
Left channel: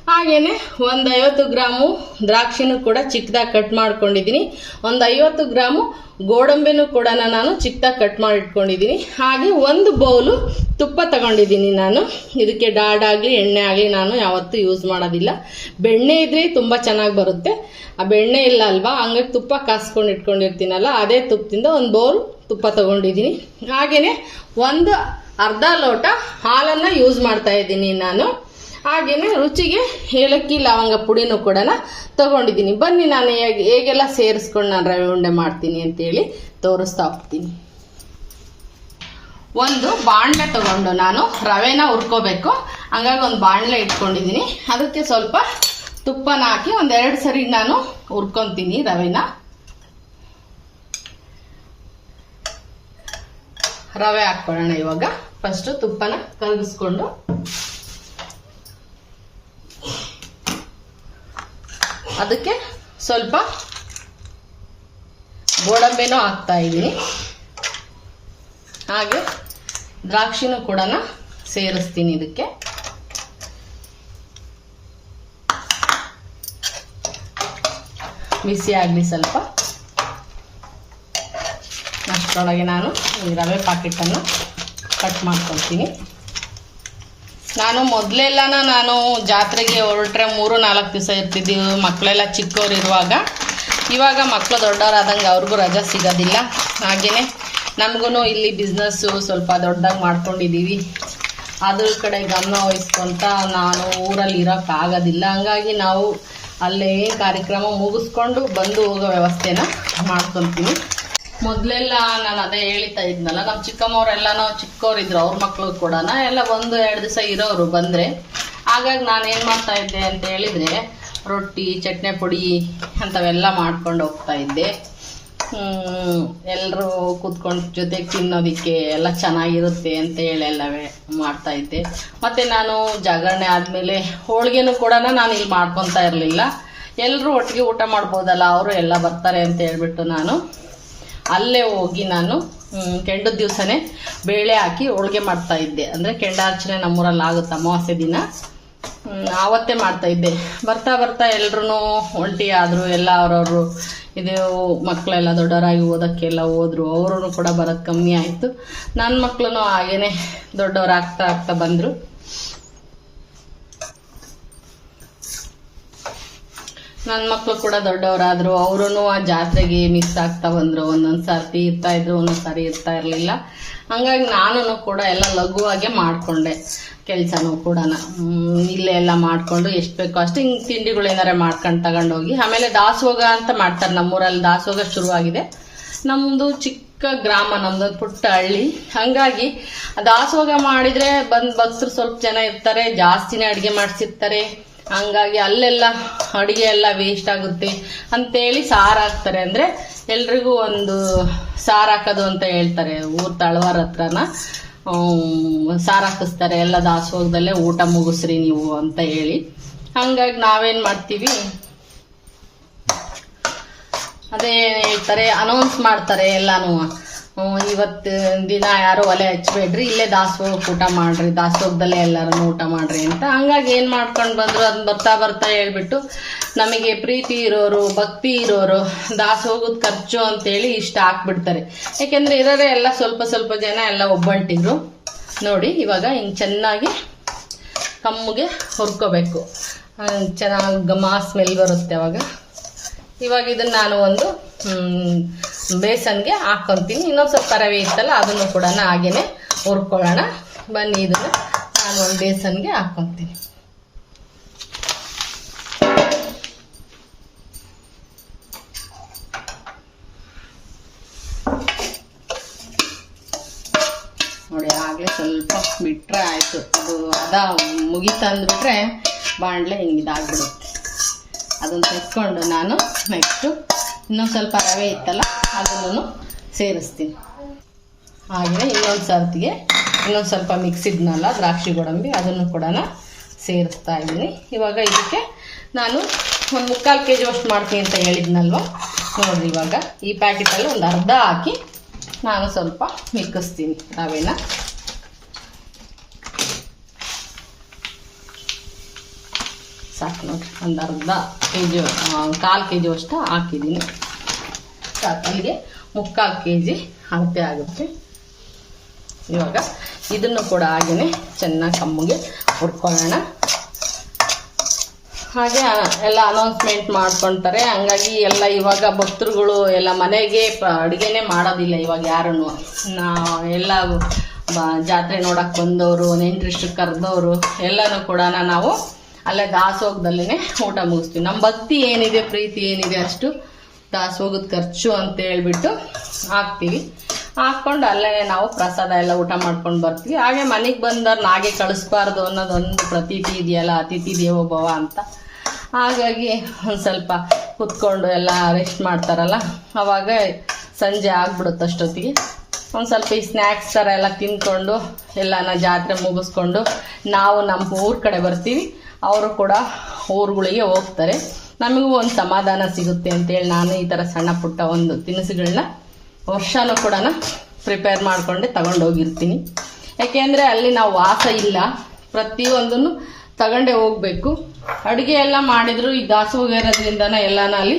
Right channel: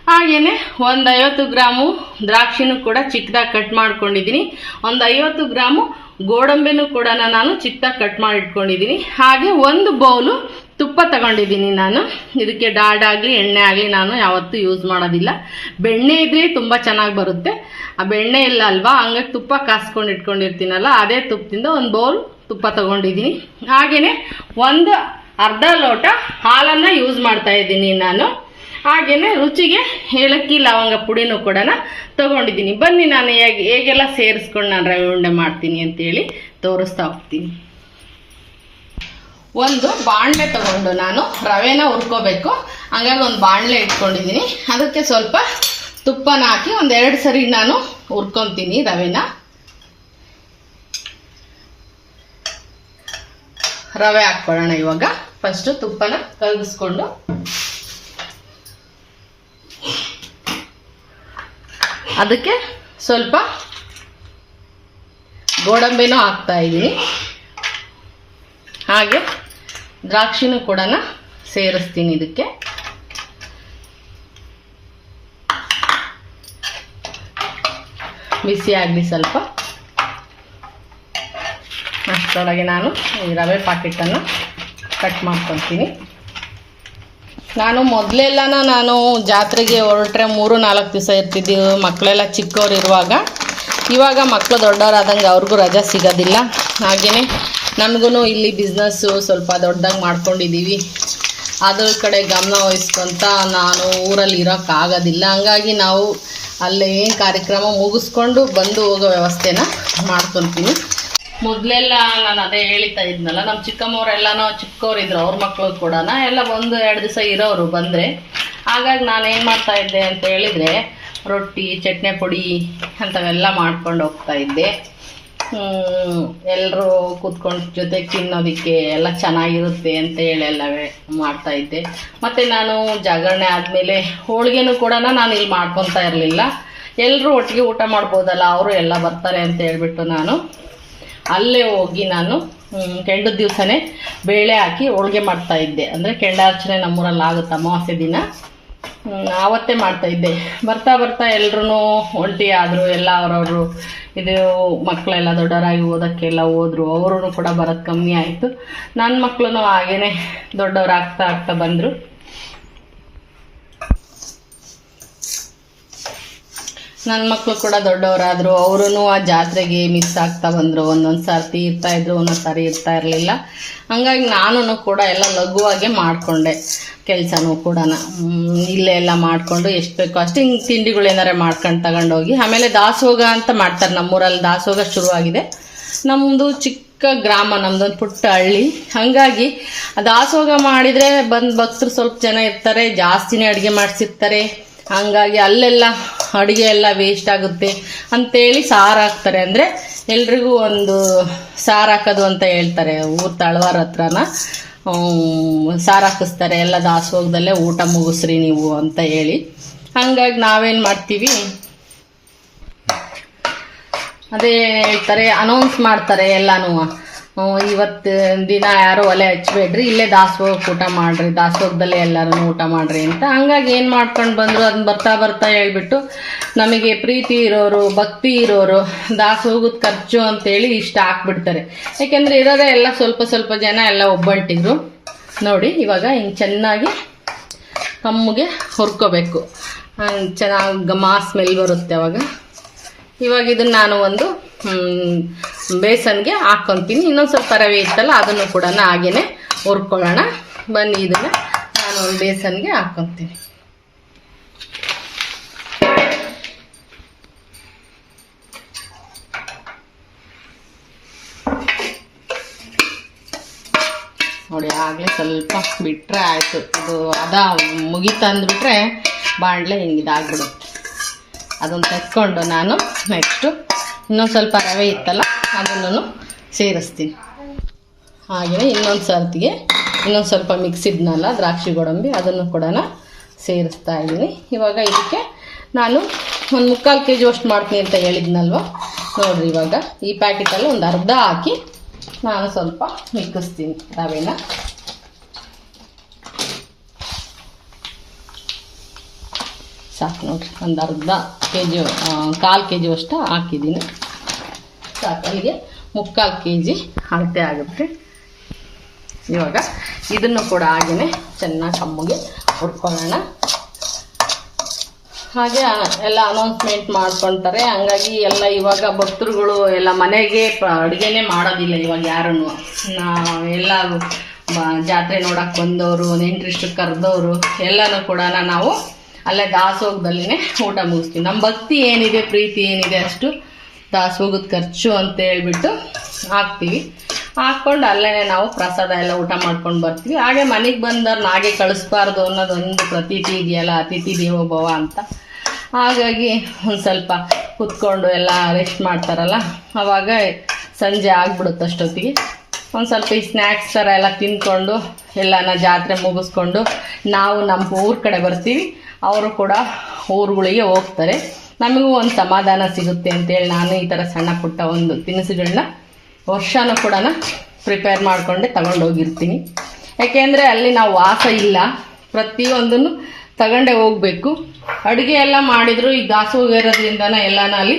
ಹಾಗೆಯೇ ಒಂದು 50 ಗ್ರಾಮು ದ್ರಾಕ್ಷಿನೂ ಕೂಡ ಚಿಕ್ಕದಾಗಿ ಕಟ್ ಮಾಡ್ಕೊಂಡಿದ್ದೀನಿ. ಒಂದು 50 ಗ್ರಾಮು ಗೋಡಂಬಿನೂ ಕೂಡ ನಾನು ಚಿಕ್ಕದಾಗಿ ಕಟ್ ಮಾಡಿ ಇಟ್ಕೊಂಡಿದ್ದೀನಿ. ಹಾಗೆ ಒಂದು ಬೌಲು ತುಪ್ಪ ತಗೊಂಡಿದ್ದೀನಿ. ನಾನು ಇದಕ್ಕೆ ಡಾಲ್ಡಾ ಆಗಲಿ ಎಣ್ಣೆ ಆಗಲಿ ನಾನು ಯಾವತ್ತೂ ಯೂಸ್ ಮಾಡೋದಿಲ್ಲ. ಬೆಣ್ಣೆ ಇದ್ರೆ ತುಂಬ ಚೆನ್ನಾಗಿ ಬರುತ್ತೆ. ಆ ಬೆಣ್ಣೆ ಇಲ್ಲ ಅಲ್ವಾ, ಹಂಗಾಗಿ ತುಪ್ಪ ಕಾಸ್ಕೊಂಡು ಇಟ್ಕೊಂಡಿರ್ತೀನಲ್ಲ, ಅದೇ ತುಪ್ಪದಿಂದ ಒಂದು ಬೌಲ್ ತುಪ್ಪ ತಗೊಂಡಿದ್ದೀನಿ. ಹಾಗೆಯೇ ಒಂದು ಅರ್ಧ ಲೋಟ ಹಾಲನ್ನು ಯೂಸ್ ಮಾಡ್ತಾ ಇದ್ದೀನಿ ನಾನು. ಹಾಗೆಯೇ ರುಚಿಗೆ ಏಲಕ್ಕಿ ಲವಂಗ ಪುಡಿನೂ ಕೂಡ ತಗೊಂಡಿದ್ದೀನಿ. ಬನ್ನಿ ನಾನು ಹೇಗೆಲ್ಲ ಸೇರಿಸ್ಕೊಂಡು ನಾನು ರವೆ ಉಂಡೆ ಮಾಡ್ತೀನಿ ಅಂತೇಳಿ ತೋರಿಸ್ತಾ ಹೋಗ್ತೀನಿ. ಒಂದು ಬಾಣಲೆ ತಗೊಂಡು ನಾನು ರವೆನ ಹುರ್ಕೋಬೇಕು. ಹಾಗಾಗಿ ಒಂದು ಬಾಣಲೆ ಇಟ್ಕೊಂಡಿದ್ದೀನಿ. ಅದಕ್ಕೆ ಸ್ವಲ್ಪ ತುಪ್ಪನ ಹಾಕಿ ಒಂದು 2 ಸರಿ ನಾನು ಹುರ್ಕೊತೀನಿ ರವೆನ. ರವೆ ಹಾಕ್ಕೊಳ್ಳೋಣ ಇವಾಗ. ಫಸ್ಟು ತುಪ್ಪನ ಕರಗಿಸ್ಕೊಂಡು ಅದಕ್ಕೆ ಸ್ವಲ್ಪ ಗೋಡಂಬಿನೂ ಹಾಕ್ತಾ ಇದ್ದೀನಿ. ಹಾಗೆ ದ್ರಾಕ್ಷಿನೂ ಕೂಡ ಸೇರಿಸ್ತೀನಿ ಇದಕ್ಕೆ. ಬಿಸಿ ಆಗಲಿ ಸ್ವಲ್ಪ. ಅಷ್ಟರೊಳಗೆ ನಾನು ಈ ರವೆ ಪ್ಯಾಕೆಟನ್ನು ಕಟ್ ಮಾಡ್ಕೊಳ್ತೀನಿ. ನಾನು ಮೊದಲೆಲ್ಲ ನಾನು ಜಾತ್ರೆಗೆ ಹೊರಟ್ರೆ 3-4 ದಿವಸ ಇರ್ತಿದ್ದೀವಿ, ಮಕ್ಕಳೆಲ್ಲ ಚಿಕ್ಕವರಿರುವಾಗ. ಇವಾಗ ಮಕ್ಕಳು ದೊಡ್ಡವರಾದಂಗೆ ಅವ್ರಿಗೂ ರಜೆ ಸಿಗೋದಿಲ್ಲ. ಹಾಗೆಯೇ ನಮಗೂ ಇಲ್ಲಿ ಬಿಸ್ನೆಸ್ಸು ಸ್ವಲ್ಪ ದೊಡ್ಡದಾಗಿ ಮಾಡ್ಕೊಂಡಿದ್ದೀವಿ. ಅದ್ರ ಕಡೆ ಗಮನ ವಹಿಸ್ಕೊಂತ ನಾನು ಊರಲ್ಲಿ ಇರೋಕ್ಕಾಗೋದಿಲ್ಲ. ಹಂಗಾಗಿ ನಾವು ಅಲ್ಲೇ ಏನು ಕಾರ್ಯಕ್ರಮ ಮುಗಿಸ್ಕೊಂಡು ಬಂದು ಹೋಗೋ ವ್ಯವಸ್ಥೆನ ಮಾಡ್ಕೊತೀನಿ. ಮೊದಲೆಲ್ಲ ನಾನು ಅದೇ ಹೇಳ್ತಾ ಇದ್ನಲ್ಲ, ನಮ್ಮ ಚಿಕ್ಕಮ್ಮವರೆಲ್ಲ ಚಿಕ್ಕವರಿದ್ರು, ಅವ್ರ ಮಕ್ಕಳು ಕೂಡ ಎಲ್ಲ 1-2 ದಿವಸ ಇರೋರು ಬಂದರೆ. ಹಾಗಾಗಿ ನಾನು ಏನು ಮಾಡ್ತಾಯಿದ್ದೆ ಅಂತ ಹೇಳಿದರೆ, ರೊಟ್ಟಿ, ಚಟ್ನಿ ಪುಡಿ ಅಂಥವೆಲ್ಲ ಮಾಡ್ಕೊಂಡು ಹೋಗ್ತಾಯಿದ್ದೆ. ಎಲ್ಲರೂ ಕೂತ್ಕೊಂಡು ಜೊತೆಗೆ ತಿನ್ನೋದಕ್ಕೆ ಎಲ್ಲ ಚೆನ್ನಾಗಿರುತ್ತೆ ಅಂತ ಹೇಳಿ ಎಲ್ಲವೇ ಮಾಡ್ತಾಯಿದ್ದೆ. ಮತ್ತು ನಾನು ಜಾಗರಣೆ ಆದಮೇಲೆ ಹೋಳಿಗೆನೂ ಕೂಡ ನಾನು ಇಲ್ಲಿ ಮಾಡ್ಕೊತಾ ಇರಲಿಲ್ಲ. ಎಲ್ಲರೂ ಒಟ್ಟಿಗೆ ಊಟ ಮಾಡ್ಬೋದಲ್ಲ, ಅವರು ಎಲ್ಲ ಬರ್ತಾರೆ ಅಂತ ಹೇಳ್ಬಿಟ್ಟು ನಾನು ಅಲ್ಲೇ ಹೋಗಿ ನಾನು ಕೆಂಡದ ದಿವಸನೇ ಬೇಳೆ ಹಾಕಿ ಹೋಳಿಗೆ ಮಾಡ್ತಾಯಿದ್ದೆ. ಅಂದರೆ ಕೆಂಡಾರ್ಚನೆ ನಮ್ಮೂರಲ್ಲಿ ಆಗುತ್ತೆ ಅಮಾವಾಸ್ಯೆ ದಿನ, ಆವತ್ತೇ ಮಾಡ್ತಾಯಿದ್ದೆ. ಬರ್ತಾ ಬರ್ತಾ ಎಲ್ಲರೂ ಒಂಟಿ ಆದರು. ಎಲ್ಲ ಅವರವರು ಇದು ಮಕ್ಕಳೆಲ್ಲ ದೊಡ್ಡವರಾಗಿ ಓದೋಕ್ಕೆಲ್ಲ ಹೋದರು. ಅವರು ಕೂಡ ಬರೋದು ಕಮ್ಮಿ ಆಯಿತು. ನನ್ನ ಮಕ್ಕಳು ಹಾಗೇ ದೊಡ್ಡವರಾಗ್ತಾ ಆಗ್ತಾ ಬಂದರು. ನನ್ನ ಮಕ್ಕಳು ಕೂಡ ದೊಡ್ಡವರಾದರು. ಅವರೂ ಆ ಜಾತ್ರೆಗೆ ಮಿಸ್ ಆಗ್ತಾ ಬಂದರು. ಒಂದೊಂದು ಸರ್ತಿ ಇರ್ತಾಯಿದ್ರು, ಒಂದೊಂದು ಸಾರಿ ಇರ್ತಾ ಇರಲಿಲ್ಲ. ಹಾಗಾಗಿ ನಾನು ಕೂಡ ಎಲ್ಲ ಲಘುವಾಗೆ ಮಾಡಿಕೊಂಡೆ ಕೆಲಸನೂ ಕೂಡ. ಇಲ್ಲೇ ಎಲ್ಲ ಮಾಡಿಕೊಂಡು ಎಷ್ಟು ಬೇಕೋ ಅಷ್ಟು ಹಿಂಗೆ ತಿಂಡಿಗಳು ಏನಾರ ಮಾಡ್ಕೊಂಡು ತಗೊಂಡೋಗಿ. ಆಮೇಲೆ ದಾಸೋಗ ಅಂತ ಮಾಡ್ತಾರೆ ನಮ್ಮೂರಲ್ಲಿ. ದಾಸೋಗ ಶುರುವಾಗಿದೆ. ನಮ್ಮದು ಚಿಕ್ಕ ಗ್ರಾಮ, ನಮ್ಮದೊಂದು ಪುಟ್ಟ ಹಳ್ಳಿ. ಹಾಗಾಗಿ ದಾಸೋಗ ಮಾಡಿದರೆ ಬಂದು ಭಕ್ತರು ಸ್ವಲ್ಪ ಜನ ಇರ್ತಾರೆ, ಜಾಸ್ತಿನೇ ಅಡುಗೆ ಮಾಡಿಸಿರ್ತಾರೆ. ಹಂಗಾಗಿ ಅಲ್ಲೆಲ್ಲ ಅಡುಗೆ ಎಲ್ಲ ವೇಸ್ಟ್ ಆಗುತ್ತೆ ಅಂತೇಳಿ ಸಾರು ಹಾಕ್ತಾರೆ. ಅಂದರೆ ಎಲ್ರಿಗೂ ಒಂದು ಸಾರು ಹಾಕೋದು ಅಂತ ಹೇಳ್ತಾರೆ. ಊರು ತಳವಾರ ಹತ್ರನ ಸಾರು ಹಾಕಿಸ್ತಾರೆ, ಎಲ್ಲ ದಾಸೋಗದಲ್ಲೇ ಊಟ ಮುಗಿಸ್ರಿ ನೀವು ಅಂತ ಹೇಳಿ. ಹಂಗಾಗಿ ನಾವೇನು ಮಾಡ್ತೀವಿ, ಅದೇ ಹೇಳ್ತಾರೆ, ಅನೌನ್ಸ್ ಮಾಡ್ತಾರೆ ಎಲ್ಲಾನು, ಇವತ್ತು ದಿನ ಯಾರು ಒಲೆ ಹಚ್ಬೇಡ್ರಿ, ಇಲ್ಲೇ ದಾಸೋಹಕ್ಕೆ ಊಟ ಮಾಡ್ರಿ, ದಾಸೋಹದಲ್ಲೇ ಎಲ್ಲರೂ ಊಟ ಮಾಡ್ರಿ ಅಂತ. ಹಂಗಾಗಿ ಏನು ಮಾಡ್ಕೊಂಡು ಬಂದರು, ಅದನ್ನ ಬರ್ತಾ ಬರ್ತಾ ಹೇಳ್ಬಿಟ್ಟು ನಮಗೆ ಪ್ರೀತಿ ಇರೋರು, ಭಕ್ತಿ ಇರೋರು ದಾಸೋಹದ ಖರ್ಚು ಅಂತೇಳಿ ಇಷ್ಟ ಹಾಕ್ಬಿಡ್ತಾರೆ. ಯಾಕೆಂದರೆ ಇರೋದೇ ಎಲ್ಲ ಸ್ವಲ್ಪ ಸ್ವಲ್ಪ ಜನ ಎಲ್ಲ ಒಬ್ಬಂಟಿದ್ರು. ನೋಡಿ ಇವಾಗ ಹಿಂಗೆ ಚೆನ್ನಾಗಿ ಕಮ್ಮಗೆ ಹುರ್ಕೋಬೇಕು, ಚೆನ್ನಾಗಿ ಘಮ ಸ್ಮೆಲ್ ಬರುತ್ತೆ ಅವಾಗ. ಇವಾಗ ಇದನ್ನು ನಾನು ಒಂದು ಬೇಸನ್ಗೆ ಹಾಕ್ಕೊತೀನಿ. ಇನ್ನೊಂದು ಸ್ವಲ್ಪ ರವೆ ಇತ್ತಲ್ಲ ಅದನ್ನು ಕೂಡ ಹಾಗೇನೆ ಹುರ್ಕೊಳ್ಳೋಣ ಬನ್ನಿ. ಇದನ್ನು ನಾನು ಒಂದು ಬೇಸನ್ಗೆ ಹಾಕ್ಕೊತೀನಿ. ನೋಡಿ ಆಗಲೇ ಸ್ವಲ್ಪ ಬಿಟ್ಟರೆ ಆಯಿತು, ಇದು ಮುಗೀತಾ ಅಂದ್ಬಿಟ್ರೆ ಬಾಣಲೆ ಹಿಂಗೆ ಇದಾಗ್ಬಿಡುತ್ತೆ. ಅದನ್ನು ತೆಗೆದುಕೊಂಡು ನಾನು ನೆಕ್ಸ್ಟು ಇನ್ನೊಂದು ಸ್ವಲ್ಪ ರವೆ ಇತ್ತಲ್ಲ ಅದನ್ನು ಸೇರಿಸ್ತೀನಿ. ಹಾಗೆಯೇ ಇನ್ನೊಂದು ಸರ್ತಿಗೆ ಇನ್ನೊಂದು ಸ್ವಲ್ಪ ಮಿಕ್ಸಿದ್ನಲ್ಲ ದ್ರಾಕ್ಷಿ ಗೋಡಂಬಿ ಅದನ್ನು ಕೂಡ ಸೇರಿಸ್ತಾ ಇದ್ದೀನಿ. ಇವಾಗ ಇದಕ್ಕೆ ನಾನು ಒಂದು 3/4 kg ಅಷ್ಟು ಮಾಡ್ತೀನಿ ಅಂತ ಹೇಳಿದ್ನಲ್ವ. ನೋಡಿರಿ ಇವಾಗ ಈ ಪ್ಯಾಕೆಟಲ್ಲಿ ಒಂದು ಅರ್ಧ ಹಾಕಿ ನಾನು ಸ್ವಲ್ಪ ಮಿಕ್ಕಿಸ್ತೀನಿ ರವೆನ. ಸಾಕು ನೋಡಿರಿ, ಒಂದು ಅರ್ಧ kg 1/4 kg ಅಷ್ಟು ಹಾಕಿದ್ದೀನಿ. ಸಾಕು, ಅಲ್ಲಿಗೆ 3/4 kg ಅಳತೆ ಆಗುತ್ತೆ. ಇವಾಗ ಇದನ್ನು ಕೂಡ ಹಾಗೆಯೇ ಚೆನ್ನಾಗಿ ಕಮ್ಮಗೆ ಹುರ್ಕೊಳ್ಳೋಣ. ಹಾಗೆ ಎಲ್ಲ ಅನೌನ್ಸ್ಮೆಂಟ್ ಮಾಡ್ಕೊಳ್ತಾರೆ, ಹಂಗಾಗಿ ಎಲ್ಲ ಇವಾಗ ಭಕ್ತರುಗಳು ಎಲ್ಲ ಮನೆಗೆ ಅಡುಗೆನೇ ಮಾಡೋದಿಲ್ಲ ಇವಾಗ ಯಾರೂ. ಎಲ್ಲ ಜಾತ್ರೆ ನೋಡೋಕ್ಕೆ ಬಂದವರು, ನೆಂಟರಿಷ್ಟು ಕರೆದವರು ಎಲ್ಲನೂ ಕೂಡ ನಾವು ಅಲ್ಲೇ ದಾಸೋಹದಲ್ಲೇ ಊಟ ಮುಗಿಸ್ತೀವಿ. ನಮ್ಮ ಭಕ್ತಿ ಏನಿದೆ, ಪ್ರೀತಿ ಏನಿದೆ ಅಷ್ಟು ದಾಸೋಹದ ಖರ್ಚು ಅಂತ ಹೇಳ್ಬಿಟ್ಟು ಹಾಕ್ತೀವಿ. ಹಾಕ್ಕೊಂಡು ಅಲ್ಲೇ ನಾವು ಪ್ರಸಾದ ಎಲ್ಲ ಊಟ ಮಾಡ್ಕೊಂಡು ಬರ್ತೀವಿ. ಹಾಗೆ ಮನೆಗೆ ಬಂದವ್ರನ್ನ ಹಾಗೆ ಕಳಿಸ್ಬಾರ್ದು ಅನ್ನೋದೊಂದು ಪ್ರತೀತಿ ಇದೆಯಲ್ಲ, ಅತಿಥಿ ದೇವೋ ಭವ ಅಂತ. ಹಾಗಾಗಿ ಒಂದು ಸ್ವಲ್ಪ ಕುತ್ಕೊಂಡು ಎಲ್ಲ ರೆಸ್ಟ್ ಮಾಡ್ತಾರಲ್ಲ, ಆವಾಗ ಸಂಜೆ ಆಗ್ಬಿಡುತ್ತೆ. ಅಷ್ಟೊತ್ತಿಗೆ ಒಂದು ಸ್ವಲ್ಪ ಈ ಸ್ನ್ಯಾಕ್ಸ್ ಥರ ಎಲ್ಲ ತಿಂದ್ಕೊಂಡು ಎಲ್ಲನ ಜಾತ್ರೆ ಮುಗಿಸ್ಕೊಂಡು ನಾವು ನಮ್ಮ ಊರ ಕಡೆ ಬರ್ತೀವಿ. ಅವರು ಕೂಡ ಊರುಗಳಿಗೆ ಹೋಗ್ತಾರೆ. ನಮಗೂ ಒಂದು ಸಮಾಧಾನ ಸಿಗುತ್ತೆ ಅಂತೇಳಿ ನಾನು ಈ ಥರ ಸಣ್ಣ ಪುಟ್ಟ ಒಂದು ತಿನಿಸುಗಳನ್ನ ವರ್ಷನೂ ಕೂಡ ಪ್ರಿಪೇರ್ ಮಾಡಿಕೊಂಡೆ ತಗೊಂಡೋಗಿರ್ತೀನಿ. ಯಾಕೆಂದರೆ ಅಲ್ಲಿ ನಾವು ವಾಸ ಇಲ್ಲ, ಪ್ರತಿಯೊಂದನ್ನು ತಗೊಂಡೇ ಹೋಗಬೇಕು. ಅಡುಗೆ ಎಲ್ಲ ಮಾಡಿದ್ರು ಈ ದಾಸೋಹ ಇರೋದ್ರಿಂದನೇ ಎಲ್ಲನೂ ಅಲ್ಲಿ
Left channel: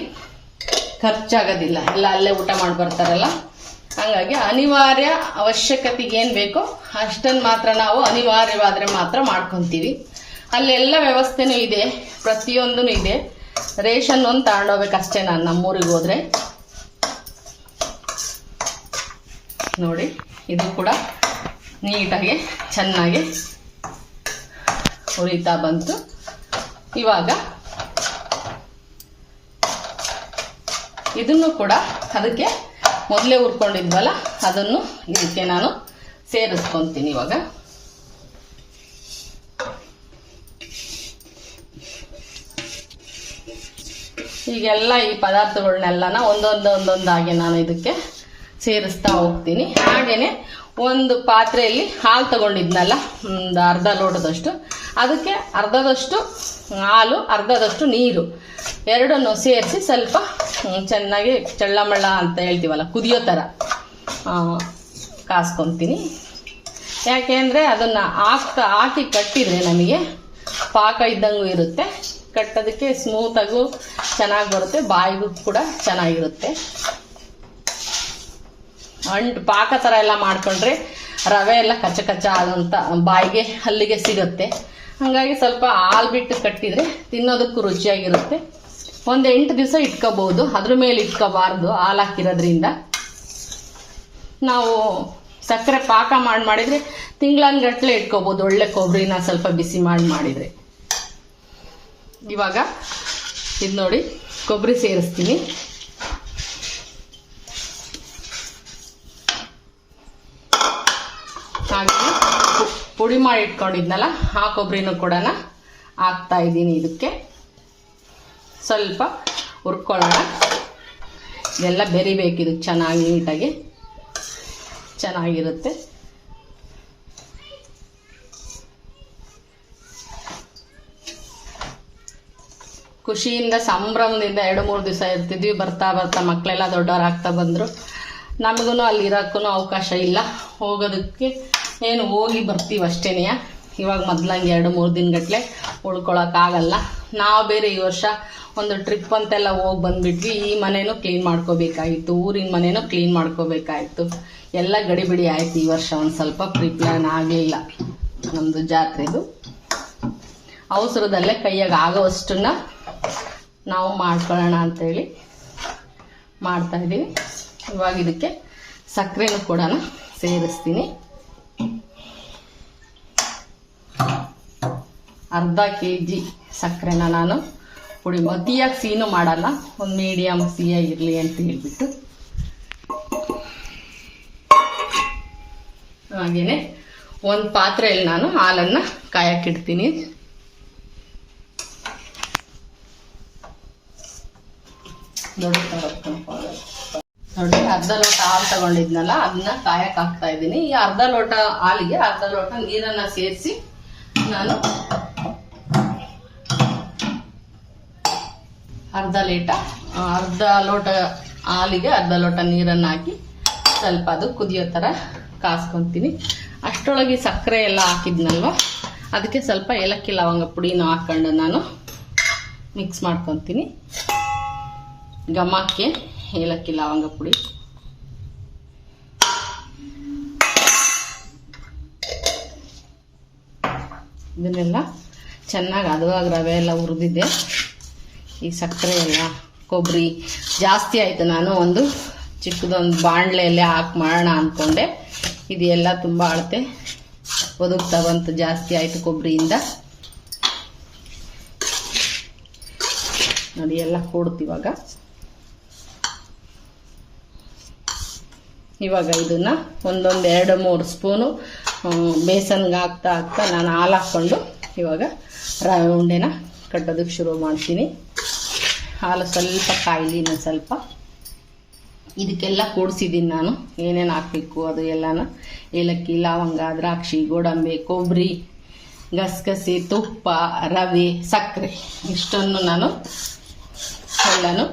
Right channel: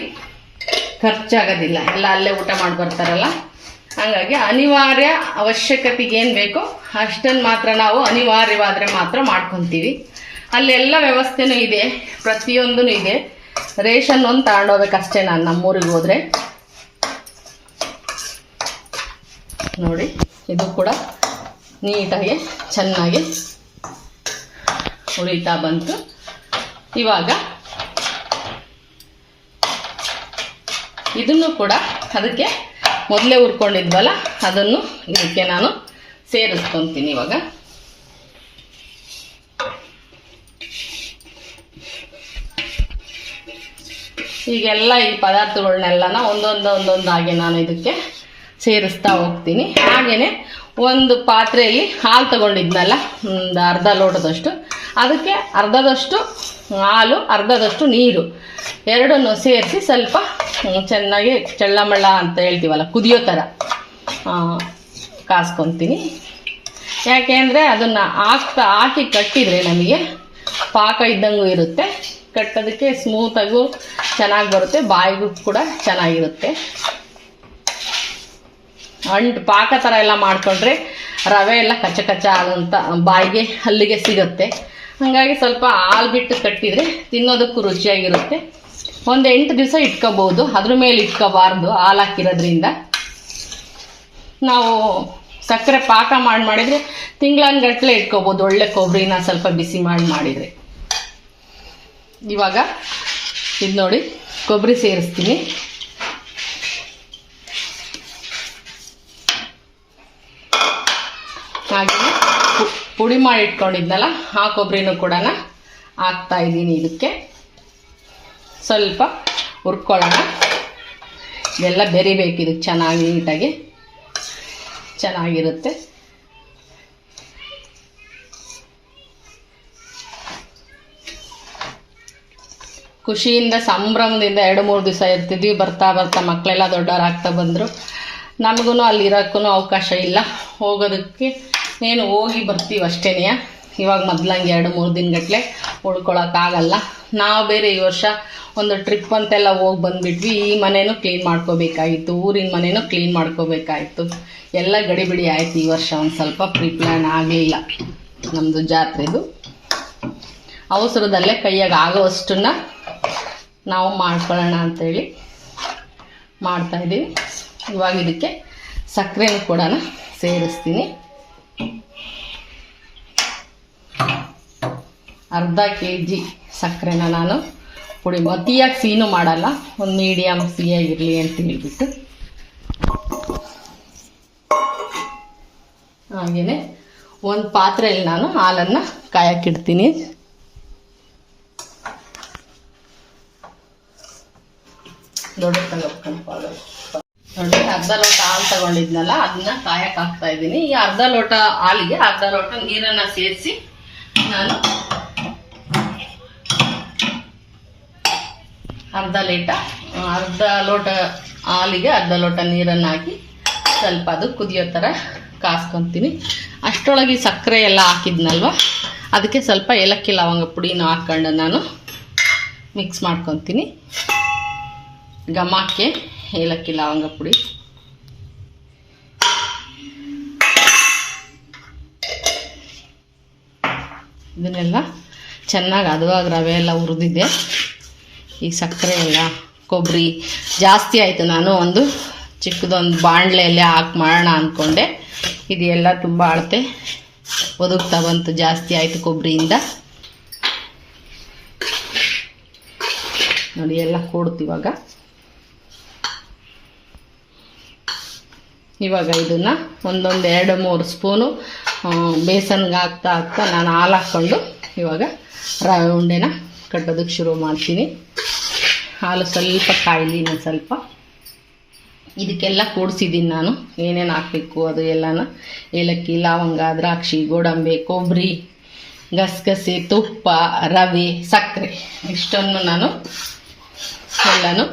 ಖರ್ಚಾಗೋದಿಲ್ಲ, ಎಲ್ಲ ಅಲ್ಲೇ ಊಟ ಮಾಡಿ ಬರ್ತಾರಲ್ಲ. ಹಾಗಾಗಿ ಅನಿವಾರ್ಯ ಅವಶ್ಯಕತೆಗೆ ಏನು ಬೇಕೋ ಅಷ್ಟನ್ನು ಮಾತ್ರ ನಾವು ಅನಿವಾರ್ಯವಾದರೆ ಮಾತ್ರ ಮಾಡ್ಕೊತೀವಿ. ಅಲ್ಲೆಲ್ಲ ವ್ಯವಸ್ಥೆನೂ ಇದೆ, ಪ್ರತಿಯೊಂದೂ ಇದೆ. ರೇಷನ್ ಒಂದು ತಗೊಂಡೋಗ್ಬೇಕಷ್ಟೇ ನಾನು ನಮ್ಮೂರಿಗೆ ಹೋದರೆ. ನೋಡಿ ಇದು ಕೂಡ ನೀಟಾಗಿ ಚೆನ್ನಾಗಿ ಹುರಿತಾ ಬಂತು. ಇವಾಗ ಇದನ್ನು ಕೂಡ ಅದಕ್ಕೆ ಮೊದಲೇ ಹುರ್ಕೊಂಡಿದ್ವಲ್ಲ ಅದನ್ನು ಇದಕ್ಕೆ ನಾನು ಸೇರಿಸ್ಕೊತೀನಿ. ಇವಾಗ ಈಗೆಲ್ಲ ಈ ಪದಾರ್ಥಗಳನ್ನೆಲ್ಲನ ಒಂದೊಂದಾಗಿ ನಾನು ಇದಕ್ಕೆ ಸೇರಿಸ್ತಾ ಹೋಗ್ತೀನಿ. ಹಾಗೆಯೇ ಒಂದು ಪಾತ್ರೆಯಲ್ಲಿ ಹಾಲು ತಗೊಂಡಿದ್ನಲ್ಲ, ಒಂದು ಅರ್ಧ ಲೋಟದಷ್ಟು, ಅದಕ್ಕೆ ಅರ್ಧದಷ್ಟು ಹಾಲು ಅರ್ಧದಷ್ಟು ನೀರು ಎರಡನ್ನು ಸೇರಿಸಿ ಸ್ವಲ್ಪ ಚೆನ್ನಾಗಿ ಚಳ್ಳಮಳ್ಳ ಅಂತ ಹೇಳ್ತೀವಲ್ಲ ಕುದಿಯೋ ಥರ ಕಾಸ್ಕೊತೀನಿ. ಯಾಕೆ ಅಂದರೆ ಅದನ್ನು ಹಾಕಿ ಕಟ್ಟಿದರೆ ನಮಗೆ ಪಾಕ ಇದ್ದಂಗೂ ಇರುತ್ತೆ, ಕಟ್ಟೋದಕ್ಕೆ ಸ್ಮೂತಾಗೂ ಚೆನ್ನಾಗಿ ಬರುತ್ತೆ, ಬಾಯಿಗೂ ಕೂಡ ಚೆನ್ನಾಗಿರುತ್ತೆ. ಪಾಕ ಥರ ಎಲ್ಲ ಮಾಡಿಕೊಂಡ್ರೆ ರವೆ ಎಲ್ಲ ಕಚ್ಚ ಕಚ್ಚ ಆದಂಥ ಬಾಯಿಗೆ ಹಲ್ಲಿಗೆ ಸಿಗುತ್ತೆ. ಹಾಗಾಗಿ ಸ್ವಲ್ಪ ಹಾಲು ಬಿಟ್ಟು ಕಟ್ಟಿದರೆ ತಿನ್ನೋದಕ್ಕೂ ರುಚಿಯಾಗಿರುತ್ತೆ. ಒಂದು 8 ದಿವಸ ಇಟ್ಕೋಬೋದು, ಅದ್ರ ಮೇಲೆ ಇಟ್ಕೋಬಾರ್ದು. ಹಾಲು ಹಾಕಿರೋದ್ರಿಂದ ನಾವು ಸಕ್ಕರೆ ಪಾಕ ಮಾಡಿದರೆ ತಿಂಗಳನ್ಗಟ್ಟಲೆ ಇಟ್ಕೋಬೋದು, ಒಳ್ಳೆ ಕೊಬ್ಬರಿನ ಸ್ವಲ್ಪ ಬಿಸಿ ಮಾಡಿದರೆ. ಇವಾಗ ಇದು ನೋಡಿ ಕೊಬ್ಬರಿ ಸೇರಿಸ್ತೀನಿ. ಹಾಗೆ ಪುಡಿ ಮಾಡಿ ಇಟ್ಕೊಂಡಿದ್ನಲ್ಲ ಆ ಕೊಬ್ಬರಿನೂ ಕೂಡ ಹಾಕ್ತಾ ಇದ್ದೀನಿ. ಇದಕ್ಕೆ ಸ್ವಲ್ಪ ಹುರ್ಕೊಳ್ಳೋಣ. ಇದೆಲ್ಲ ಬೆರಿಬೇಕು, ಇದಕ್ಕೆ ಚೆನ್ನಾಗಿ ನೀಟಾಗಿ ಚೆನ್ನಾಗಿರುತ್ತೆ. ಖುಷಿಯಿಂದ ಸಂಭ್ರಮದಿಂದ 2-3 ದಿವಸ ಇರ್ತಿದ್ವಿ. ಬರ್ತಾ ಬರ್ತಾ ಮಕ್ಕಳೆಲ್ಲ ದೊಡ್ಡವರಾಗ್ತಾ ಬಂದರು. ನಮಗೂ ಅಲ್ಲಿ ಇರೋಕ್ಕೂ ಅವಕಾಶ ಇಲ್ಲ, ಹೋಗೋದಕ್ಕೆ ಏನು ಹೋಗಿ ಬರ್ತೀವಿ ಅಷ್ಟೇ. ಇವಾಗ ಮೊದ್ಲಂಗೆ 2-3 ದಿನಗಟ್ಟಲೆ ಉಳ್ಕೊಳಕ್ಕಾಗಲ್ಲ. ನಾವು ಬೇರೆ ಈ ವರ್ಷ ಒಂದು ಟ್ರಿಪ್ ಅಂತೆಲ್ಲ ಹೋಗಿ ಬಂದುಬಿಟ್ವಿ. ಈ ಮನೇನೂ ಕ್ಲೀನ್ ಮಾಡ್ಕೋಬೇಕಾಗಿತ್ತು, ಊರಿನ ಮನೇನೂ ಕ್ಲೀನ್ ಮಾಡ್ಕೋಬೇಕಾಗಿತ್ತು. ಎಲ್ಲ ಗಡಿಬಿಡಿ ಆಯಿತು. ಈ ವರ್ಷ ಒಂದು ಸ್ವಲ್ಪ ಪ್ರಿಪ್ಲಾನ್ ಆಗಲಿಲ್ಲ. ನಮ್ಮದು ಜಾತ್ರೆದು ಅವಸರದಲ್ಲೇ ಕೈಯಾಗ ಆಗೋವಷ್ಟನ್ನು ನಾವು ಮಾಡ್ಕೊಳ್ಳೋಣ ಅಂಥೇಳಿ ಮಾಡ್ತಾಯಿದ್ದೀವಿ. ಇವಾಗ ಇದಕ್ಕೆ ಸಕ್ಕರೆನೂ ಕೂಡ ಸೇರಿಸ್ತೀನಿ. ಅರ್ಧ kg ಸಕ್ಕರೆನ ನಾನು ಪುಡಿ, ಅತಿಯಾಗಿ ಸಿಹಿನೂ ಮಾಡಲ್ಲ, ಒಂದು ಮೀಡಿಯಮ್ ಸಿಹಿಯಾಗಿರಲಿ ಅಂತ ಹೇಳ್ಬಿಟ್ಟು. ಹಾಗೆಯೇ ಒಂದು ಪಾತ್ರೆಯಲ್ಲಿ ನಾನು ಹಾಲನ್ನು ಕಾಯಕ್ಕಿಡ್ತೀನಿ. ದೊಡ್ಡ ನೋಡಿ, ಅರ್ಧ ಲೋಟ ಹಾಲು ತಗೊಂಡಿದ್ನಲ್ಲ ಅದನ್ನ ಕಾಯಕ್ಕೆ ಹಾಕ್ತಾ ಇದ್ದೀನಿ. ಈ ಅರ್ಧ ಲೋಟ ಹಾಲಿಗೆ ಅರ್ಧ ಲೋಟ ನೀರನ್ನು ಸೇರಿಸಿ ನಾನು ಅರ್ಧ ಲೋಟ ಹಾಲಿಗೆ ಅರ್ಧ ಲೋಟ ನೀರನ್ನು ಹಾಕಿ ಸ್ವಲ್ಪ ಅದು ಕುದಿಯೋ ಥರ ಕಾಸ್ಕೊತೀನಿ. ಅಷ್ಟರೊಳಗೆ ಸಕ್ಕರೆ ಎಲ್ಲ ಹಾಕಿದ್ನಲ್ವ, ಅದಕ್ಕೆ ಸ್ವಲ್ಪ ಏಲಕ್ಕಿ ಲವಂಗ ಪುಡಿನೂ ಹಾಕ್ಕೊಂಡು ನಾನು ಮಿಕ್ಸ್ ಮಾಡ್ಕೊತೀನಿ. ಘಮಕ್ಕೆ ಏಲಕ್ಕಿ ಲವಂಗ ಪುಡಿ, ಇದನ್ನೆಲ್ಲ ಚೆನ್ನಾಗಿ ಹದವಾಗಿ ರವೆ ಎಲ್ಲ ಹುರಿದಿದ್ದೆ. ಈ ಸಕ್ಕರೆ ಎಲ್ಲ ಕೊಬ್ಬರಿ ಜಾಸ್ತಿ ಆಯಿತು. ನಾನು ಒಂದು ಚಿಕ್ಕದೊಂದು ಬಾಣಲೆಯಲ್ಲೇ ಹಾಕಿ ಮಾಡೋಣ ಅಂದ್ಕೊಂಡೆ. ಇದೆಲ್ಲ ತುಂಬ ಅಳತೆ ಒದಗ್ತಾ ಬಂತು, ಜಾಸ್ತಿ ಆಯಿತು ಕೊಬ್ಬರಿಯಿಂದ. ನೋಡಿ ಎಲ್ಲ ಕೂಡ್ತಿವಾಗ. ಇವಾಗ ಇದನ್ನು ಒಂದೊಂದು 2-3 ಸ್ಪೂನು ಬೇಸನ್ಗೆ ಹಾಕ್ತಾ ನಾನು ಹಾಲು ಹಾಕ್ಕೊಂಡು ಇವಾಗ ರವೆ ಉಂಡೆನ ಕಟ್ಟೋದಕ್ಕೆ ಶುರು ಮಾಡ್ತೀನಿ. ಹಾಲು ಸ್ವಲ್ಪ ಕಾಯಿಲಿ, ಇನ್ನೊಂದು ಸ್ವಲ್ಪ. ಇದಕ್ಕೆಲ್ಲ ಕೂಡಿಸಿದ್ದೀನಿ ನಾನು, ಏನೇನು ಹಾಕಬೇಕು ಅದು ಎಲ್ಲನ. ಏಲಕ್ಕಿ, ಲವಂಗ, ದ್ರಾಕ್ಷಿ, ಗೋಡಂಬಿ, ಕೊಬ್ಬರಿ, ಗಸಗಸೆ, ತುಪ್ಪ, ರವೆ, ಸಕ್ಕರೆ ಇಷ್ಟನ್ನು ನಾನು ಎಲ್ಲನೂ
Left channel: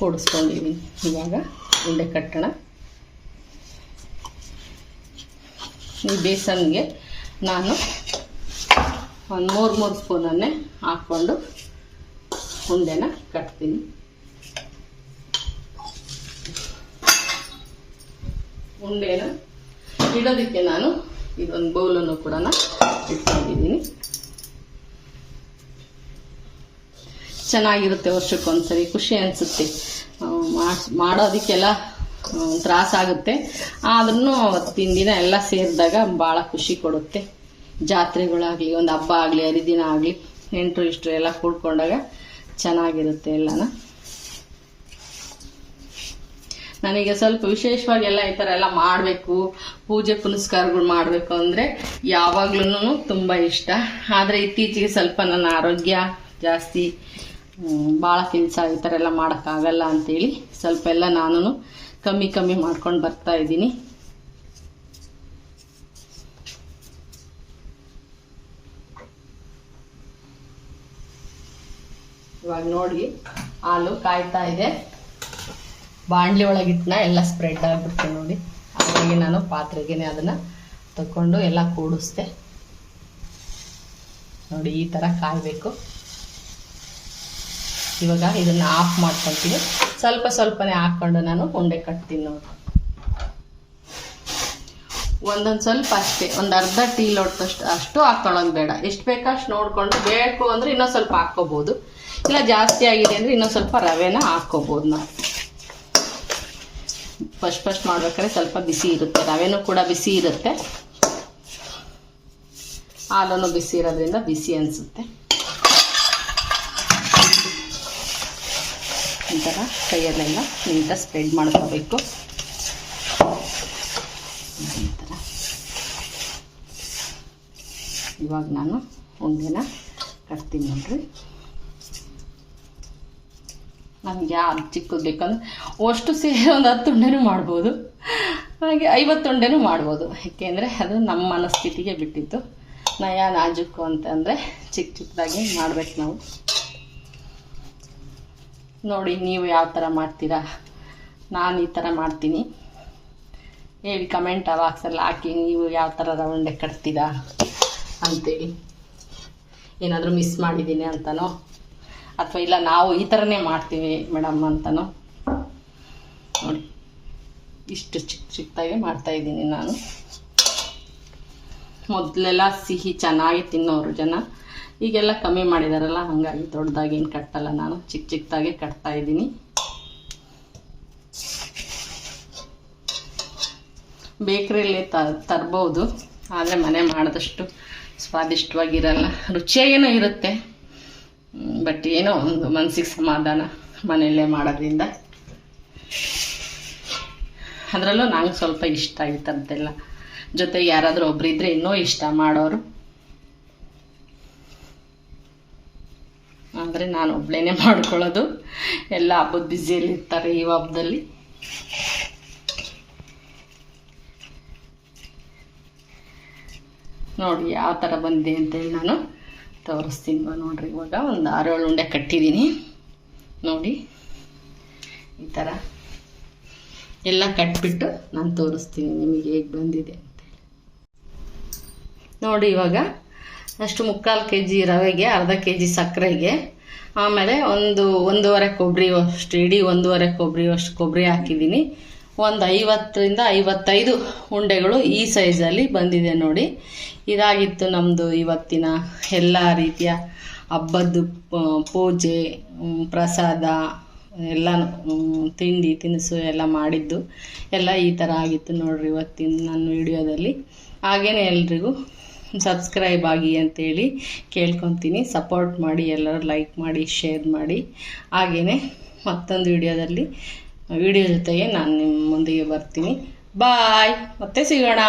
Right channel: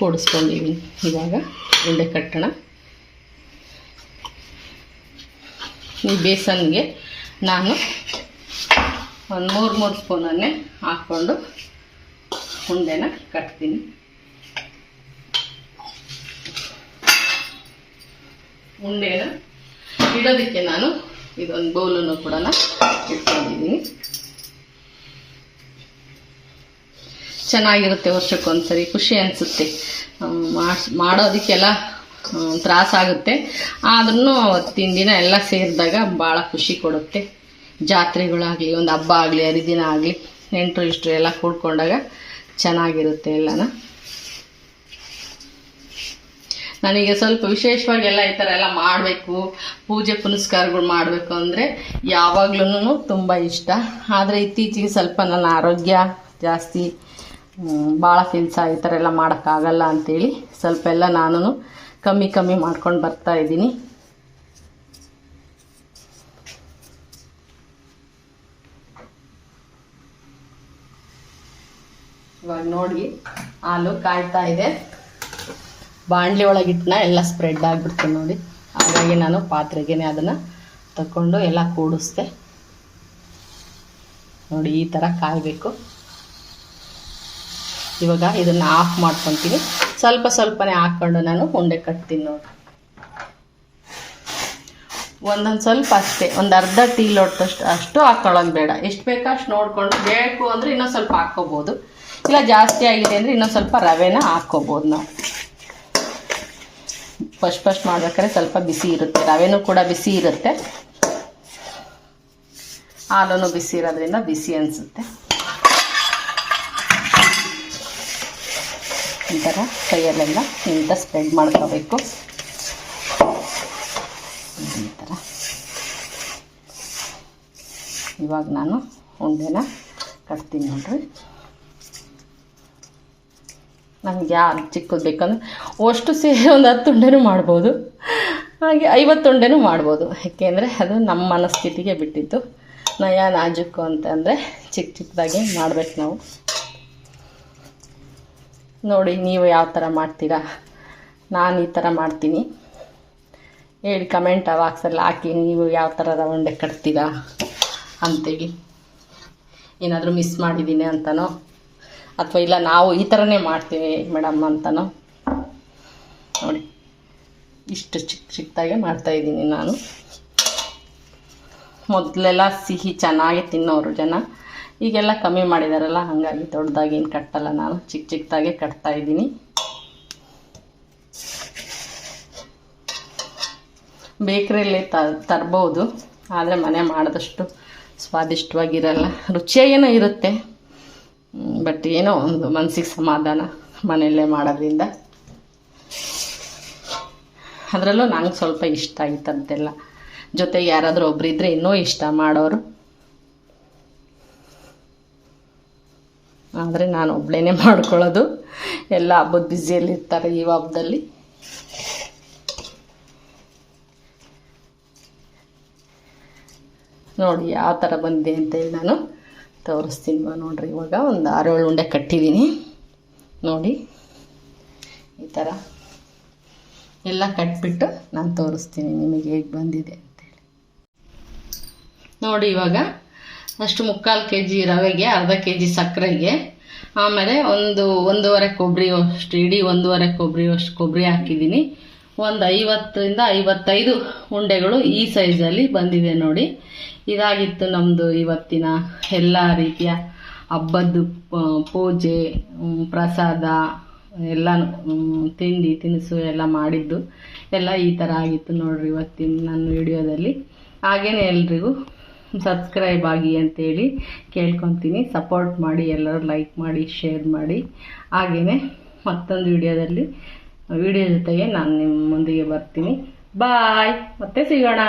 ಕೂಡಿಸ್ಕೊಂಡಿದ್ದೀನಿ. ಇವಾಗ ಉಂಡೆ ಕಟ್ಟೋಣ. ಈ ಬೇಸನ್ಗೆ ನಾನು ಒಂದು 3 ಸ್ಪೂನನ್ನೇ ಹಾಕ್ಕೊಂಡು ಉಂಡೆನ ಕಟ್ತೀನಿ. ಉಂಡೆನ ಇಡೋದಕ್ಕೆ ನಾನು ಇದೊಂದು ಬೌಲನ್ನು ಕೂಡ ಇಟ್ಕೊಂಡಿದ್ದೀನಿ. ಚೆನ್ನಾಗಿರುತ್ತೆ, ವರ್ಷಕ್ಕೊಂದ್ಸರಿ ಖುಷಿ ಅನಿಸುತ್ತೆ. ಮಾಡೋದಕ್ಕೆಲ್ಲ ತ್ರಾಸಾಗುತ್ತೆ, ಆದ್ರೂ ಅವತ್ತಿನ ದಿನ ಎಲ್ಲ ಸೇರಿದಾಗ ಭಾಳ ಖುಷಿ ಕೊಡುತ್ತೆ. ಜಾತ್ರೆಗಳಾಗಲಿ, ಒಂದು ಹಬ್ಬ ಆಗಲಿ, ಹರಿದಿನ ಆಗಲಿ, ನೆಂಟರು ಇಷ್ಟರು ಎಲ್ಲ ಕೂಡ್ಕೊಂಡಾಗ ಚೆನ್ನಾಗಿರುತ್ತೆ ಎಲ್ಲನ. ನನಗೆ ಸ್ವಲ್ಪ ವಿಶೇಷವಾಗಿ ಎಲ್ಲ ಈ ಥರ ಎಲ್ಲ ಮಾಡಬೇಕು, ಪೂಜೆ ಪುನಸ್ಕಾರಗಳು ಮಾಡಬೇಕು ಅಂದರೆ ಯಾವಾಗ್ಲೂ ತುಂಬ ಇಷ್ಟ. ಆದರೆ ಇತ್ತೀಚೆಗೆ ಸ್ವಲ್ಪ ನನ್ನ ಆರೋಗ್ಯ ಜಾಸ್ತಿ, ಭಾಳ ಕೆಲಸ ಈ ಥರ ಎಲ್ಲ ಮಾಡೋಕ್ಕಾಗಲ್ಲ ಅಂಥೇಳಿ ಸ್ವಲ್ಪ ಎಲ್ಲ ನಾನು ಕಮ್ಮಿ ಮಾಡ್ಕೊಂಡು ಬರ್ತಾ ಇದ್ದೀನಿ. ಇವಾಗ ನೋಡಿ ಹಾಲು ಕಾಯ್ತಾ ಇದೆ. ಬಾಣಲಿ ಒಳಗಿಟ್ಟನ ಎಲ್ಲ ಸ್ಪ್ರೆಡ್ ಆಗಿಬಿಡ್ತೀನಿ ನೋಡಿ. ಹಾಗಾಗಿ ನಾನು ಪಾತ್ರೆಗೆ ಅದನ್ನು ತಗೊಂಡು ಎಲ್ಲ ಕೂಡಿಸ್ದೆ. ನೋಡಿ ಈ ಥರ ಕಾಯಬೇಕು. ಇವಾಗ ಇದನ್ನು ಆಫ್ ಮಾಡ್ಕೊತೀನಿ. ಸ್ವಲ್ಪನೇ ಹಾಕ್ಕೊಂಡು ನಾನು ಉಂಡೆ ಕಟ್ತೀನಿ ನೋಡಿ. ಒಂದೊಂದು ಸ್ವಲ್ಪ ಅಷ್ಟೇ, ಒಂದು ಅರ್ಧ ಟೀ ಲೋಟದಷ್ಟು ಅಷ್ಟು ಹಾಕೊಳ್ಳೋದು ಬೇಡ. ಎಷ್ಟು ಬೇಕೋ ಅಷ್ಟು ನೋಡಿಕೊಂಡು, ಬೇಕು ಅಂದರೆ ಇನ್ನೊಂದು ಸ್ವಲ್ಪ ಹಾಕ್ಕೋಬೋದು, ಇಲ್ಲ ಜಾಸ್ತಿ ಆಗಿದೆ ಅಂದರೆ ಇನ್ನೊಂದು ಸ್ವಲ್ಪ ರವೆನ ಹಾಕ್ಕೋಬೋದು. ನಾವು ಫಸ್ಟ್ ಮಾಡ್ಬೇಕಾದ್ರೆ ಸ್ವಲ್ಪ ಬಿಸಿ ಇರುತ್ತೆ, ರವೆನೂ ಕೂಡ ಬಿಸಿ ಇರುತ್ತೆ, ಹಾಲೂ ಬಿಸಿ ಇರೋದ್ರಿಂದ ಬಿಸಿ ಅನಿಸುತ್ತೆ. ಈ ಥರ ಕೈಯಲ್ಲೆಲ್ಲ ನೀಟಾಗಿ ಸ್ಪ್ರೆಡ್ ಮಾಡ್ಕೋಬೇಕು. ಈ ಥರ ಇವಾಗ ನಾನು ಉಂಡೆನ ಕಟ್ತೀನಿ ನೋಡ್ರಿ. ನಮಗೆ ಯಾರು ಚಿಕ್ಕದು ಬೇಕಂದ್ರೆ ಅಷ್ಟು ಸೇರಿ ಒಂದು 10 ಉಂಡೆನೂ ಮಾಡ್ಬೋದು, ಹಾಗೆ 50 ಉಂಡೆನೂ ಮಾಡ್ಬೋದು. ಏಕೆಂದರೆ ಅದು ನಮ್ಮ ಮನಸ್ಥಿತಿಗೆ ಬಿಟ್ಟಿದ್ದು. ನಯ ನಾಜುಕು ಅಂತಂದರೆ ಚಿಕ್ಕದಾಗಿ ಮಾಡ್ಬೇಕು ನಾವು. ನೋಡಿ ನೀವು ಯಾವ ಥರ ಮಾಡ್ತೀರಾ. ನಾನು ಈ ಥರ ಮಾಡ್ತೀನಿ. ಹೇಳಿ ಕಮೆಂಟ್ ಬಾಕ್ಸಲ್ಲಿ ಹಾಕಿ ನೀವು ಯಾವ ಥರ ರವೆ ಉಂಡೆ ಕಟ್ತೀರಾ ಅಂತೇಳಿ. ಏನಾದರೂ ಮಿಸ್ ಮಾಡಿದ್ದೀನಿ ಅಂತನೋ ಅಥವಾ ಇಲ್ಲ ನಾವು ಈ ಥರನೇ ಮಾಡ್ತೀವಿ ಮೇಡಮ್ ಅಂತನೋ. ನೋಡಿ ಇಷ್ಟು ಚಿಕ್ಕದಾಗೆ ಮಾಡ್ತಾಯಿದ್ದೀನಿ ನಾನು. ಮೊದಲೆಲ್ಲ ಸಿಹಿ ಚೆನ್ನಾಗಿ ತಿನ್ನೋರು ಜನ, ಈಗೆಲ್ಲ ಕಮ್ಮಿ ಮಾಡಿದಾರಲ್ಲ, ಹಾಗಾಗಿ ದೊಡ್ಡದಾಗಿ ಏನು ಕಟ್ಟಲ್ಲ, ನಾನು ಚಿಕ್ಕದಾಗೆ ಕಟ್ತಾಯಿದ್ದೀನಿ. ಬೇಕ್ರಿಯಲ್ಲಿ ತರ್ಬೋದು, ಆದರೆ ಮನೆ ಮಾಡಿದಷ್ಟು ಸ್ವಾದಿಷ್ಟವಾಗಿರಲ್ಲ. ರುಚಿಯಾಗೇನೋ ಇರುತ್ತೆ, ಬಟ್ ಏನೋ ಒಂದು ಮನಸ್ಸಿಗೆ ಸಮಾಧಾನ ಮನೆಯಲ್ಲೇ ಮಾಡೋದ್ರಿಂದ. ಅದರಲ್ಲೂ ನಂಗೆ ಸ್ವಲ್ಪ ಇಷ್ಟ ಆಗಿತ್ತಂತೆಲ್ಲ. ಜೊತೆಗೆ ಯಾರಾದರೂ ಒಬ್ಬರಿದ್ದರೆ ಇನ್ನೂ ಇಷ್ಟ ಮಾಡೋರು. ಆದರೆ ನಾನು ಒಬ್ಬಳೇ ಮಾಡ್ಕೊಳ್ಳೋದು. ಎಲ್ಲ ಹಬ್ಬದ ಬ್ಯುಸಿಯಲ್ಲಿರ್ತಾರೆ ಈ ಹಬ್ಬದಲ್ಲಿ. ನೋಡಿ ಯಾವ ಥರ ಬಂದಿದೆ ಅಂತೇಳಿ ನಾನು ತೋರಿಸ್ತೀನಿ. ನೋಡಿರಿ, ಇವಾಗ ಒಂದು 6-7 ಉಂಡೆ ಕಟ್ಟಿದ್ದೀನಿ. ನೋಡಿ ಈ ಥರ ಎಲ್ಲ ಕಟ್ಬಿಟ್ಟು ನಾನು ತೋರಿಸ್ತೀನಿ ನಿಮಗೆ ಹೇಗೆ ಬಂದಿದೆ ಅಂತೇಳಿ. ನೋಡಿ ಇವಾಗ ಅಷ್ಟು 3/4 kg ರವೆಗೆ, ಅರ್ಧ kg ಸಕ್ಕರೆಗೆ, ಆಮೇಲೆ 1.5 ಕೊಬ್ಬರಿ ಅಷ್ಟು, ಇಡೀ 1.5 ಕೊಬ್ಬರಿ ಅಷ್ಟು ಕೊಬ್ಬರಿ ಹಾಕಿದ್ದೀನಿ. ಒಂದು 50ರಿಂದ 55 ಉಂಡೆಗಳು ಈ ಸೈಜಲ್ಲಿ ಬಂದಿದೆ ನೋಡಿ. ಇದಾಗಿತ್ತು ನಮ್ಮದು ಇವತ್ತಿನ ಎಲ್ಲ ರೀತಿಯ ಹಬ್ಬದ್ದು ಪೂಜೆ, ಪ್ರಸಾದ ಎಲ್ಲ, ತಿಂಡಿ ತಿನಿಸು ಎಲ್ಲ ಮಾಡಿದ್ದು ಎಲ್ಲ ಈ ಥರ ಆಗಿತ್ತು ನೋಡ್ರಿ ಇವತ್ತಿನ ನನ್ನ ವಿಡಿಯೋದಲ್ಲಿ. ಹಾಗೇನೆ ಎಲ್ರಿಗೂ ಸಬ್ಸ್ಕ್ರೈಬ್ ಆಗಿ ಅಂತೇಳಿ ಕೇಳ್ಕೊತೀನಿ. ಸಪೋರ್ಟ್ ಮಾಡಿ, ಎಲ್ಲರೂ ಲೈಕ್ ಮಾಡಿ, ಶೇರ್ ಮಾಡಿ. ಹಾಗೆಯೇ ಮತ್ತೊಂದು ವಿಡಿಯೋ ಜೊತೆಗೆ ನಾನು ನಿಮ್ಮ ಮುಂದಿಗೆ ಬರ್ತೀನಿ. ಬಾಯ್, ಮತ್ತೆ ಸಿಗೋಣ.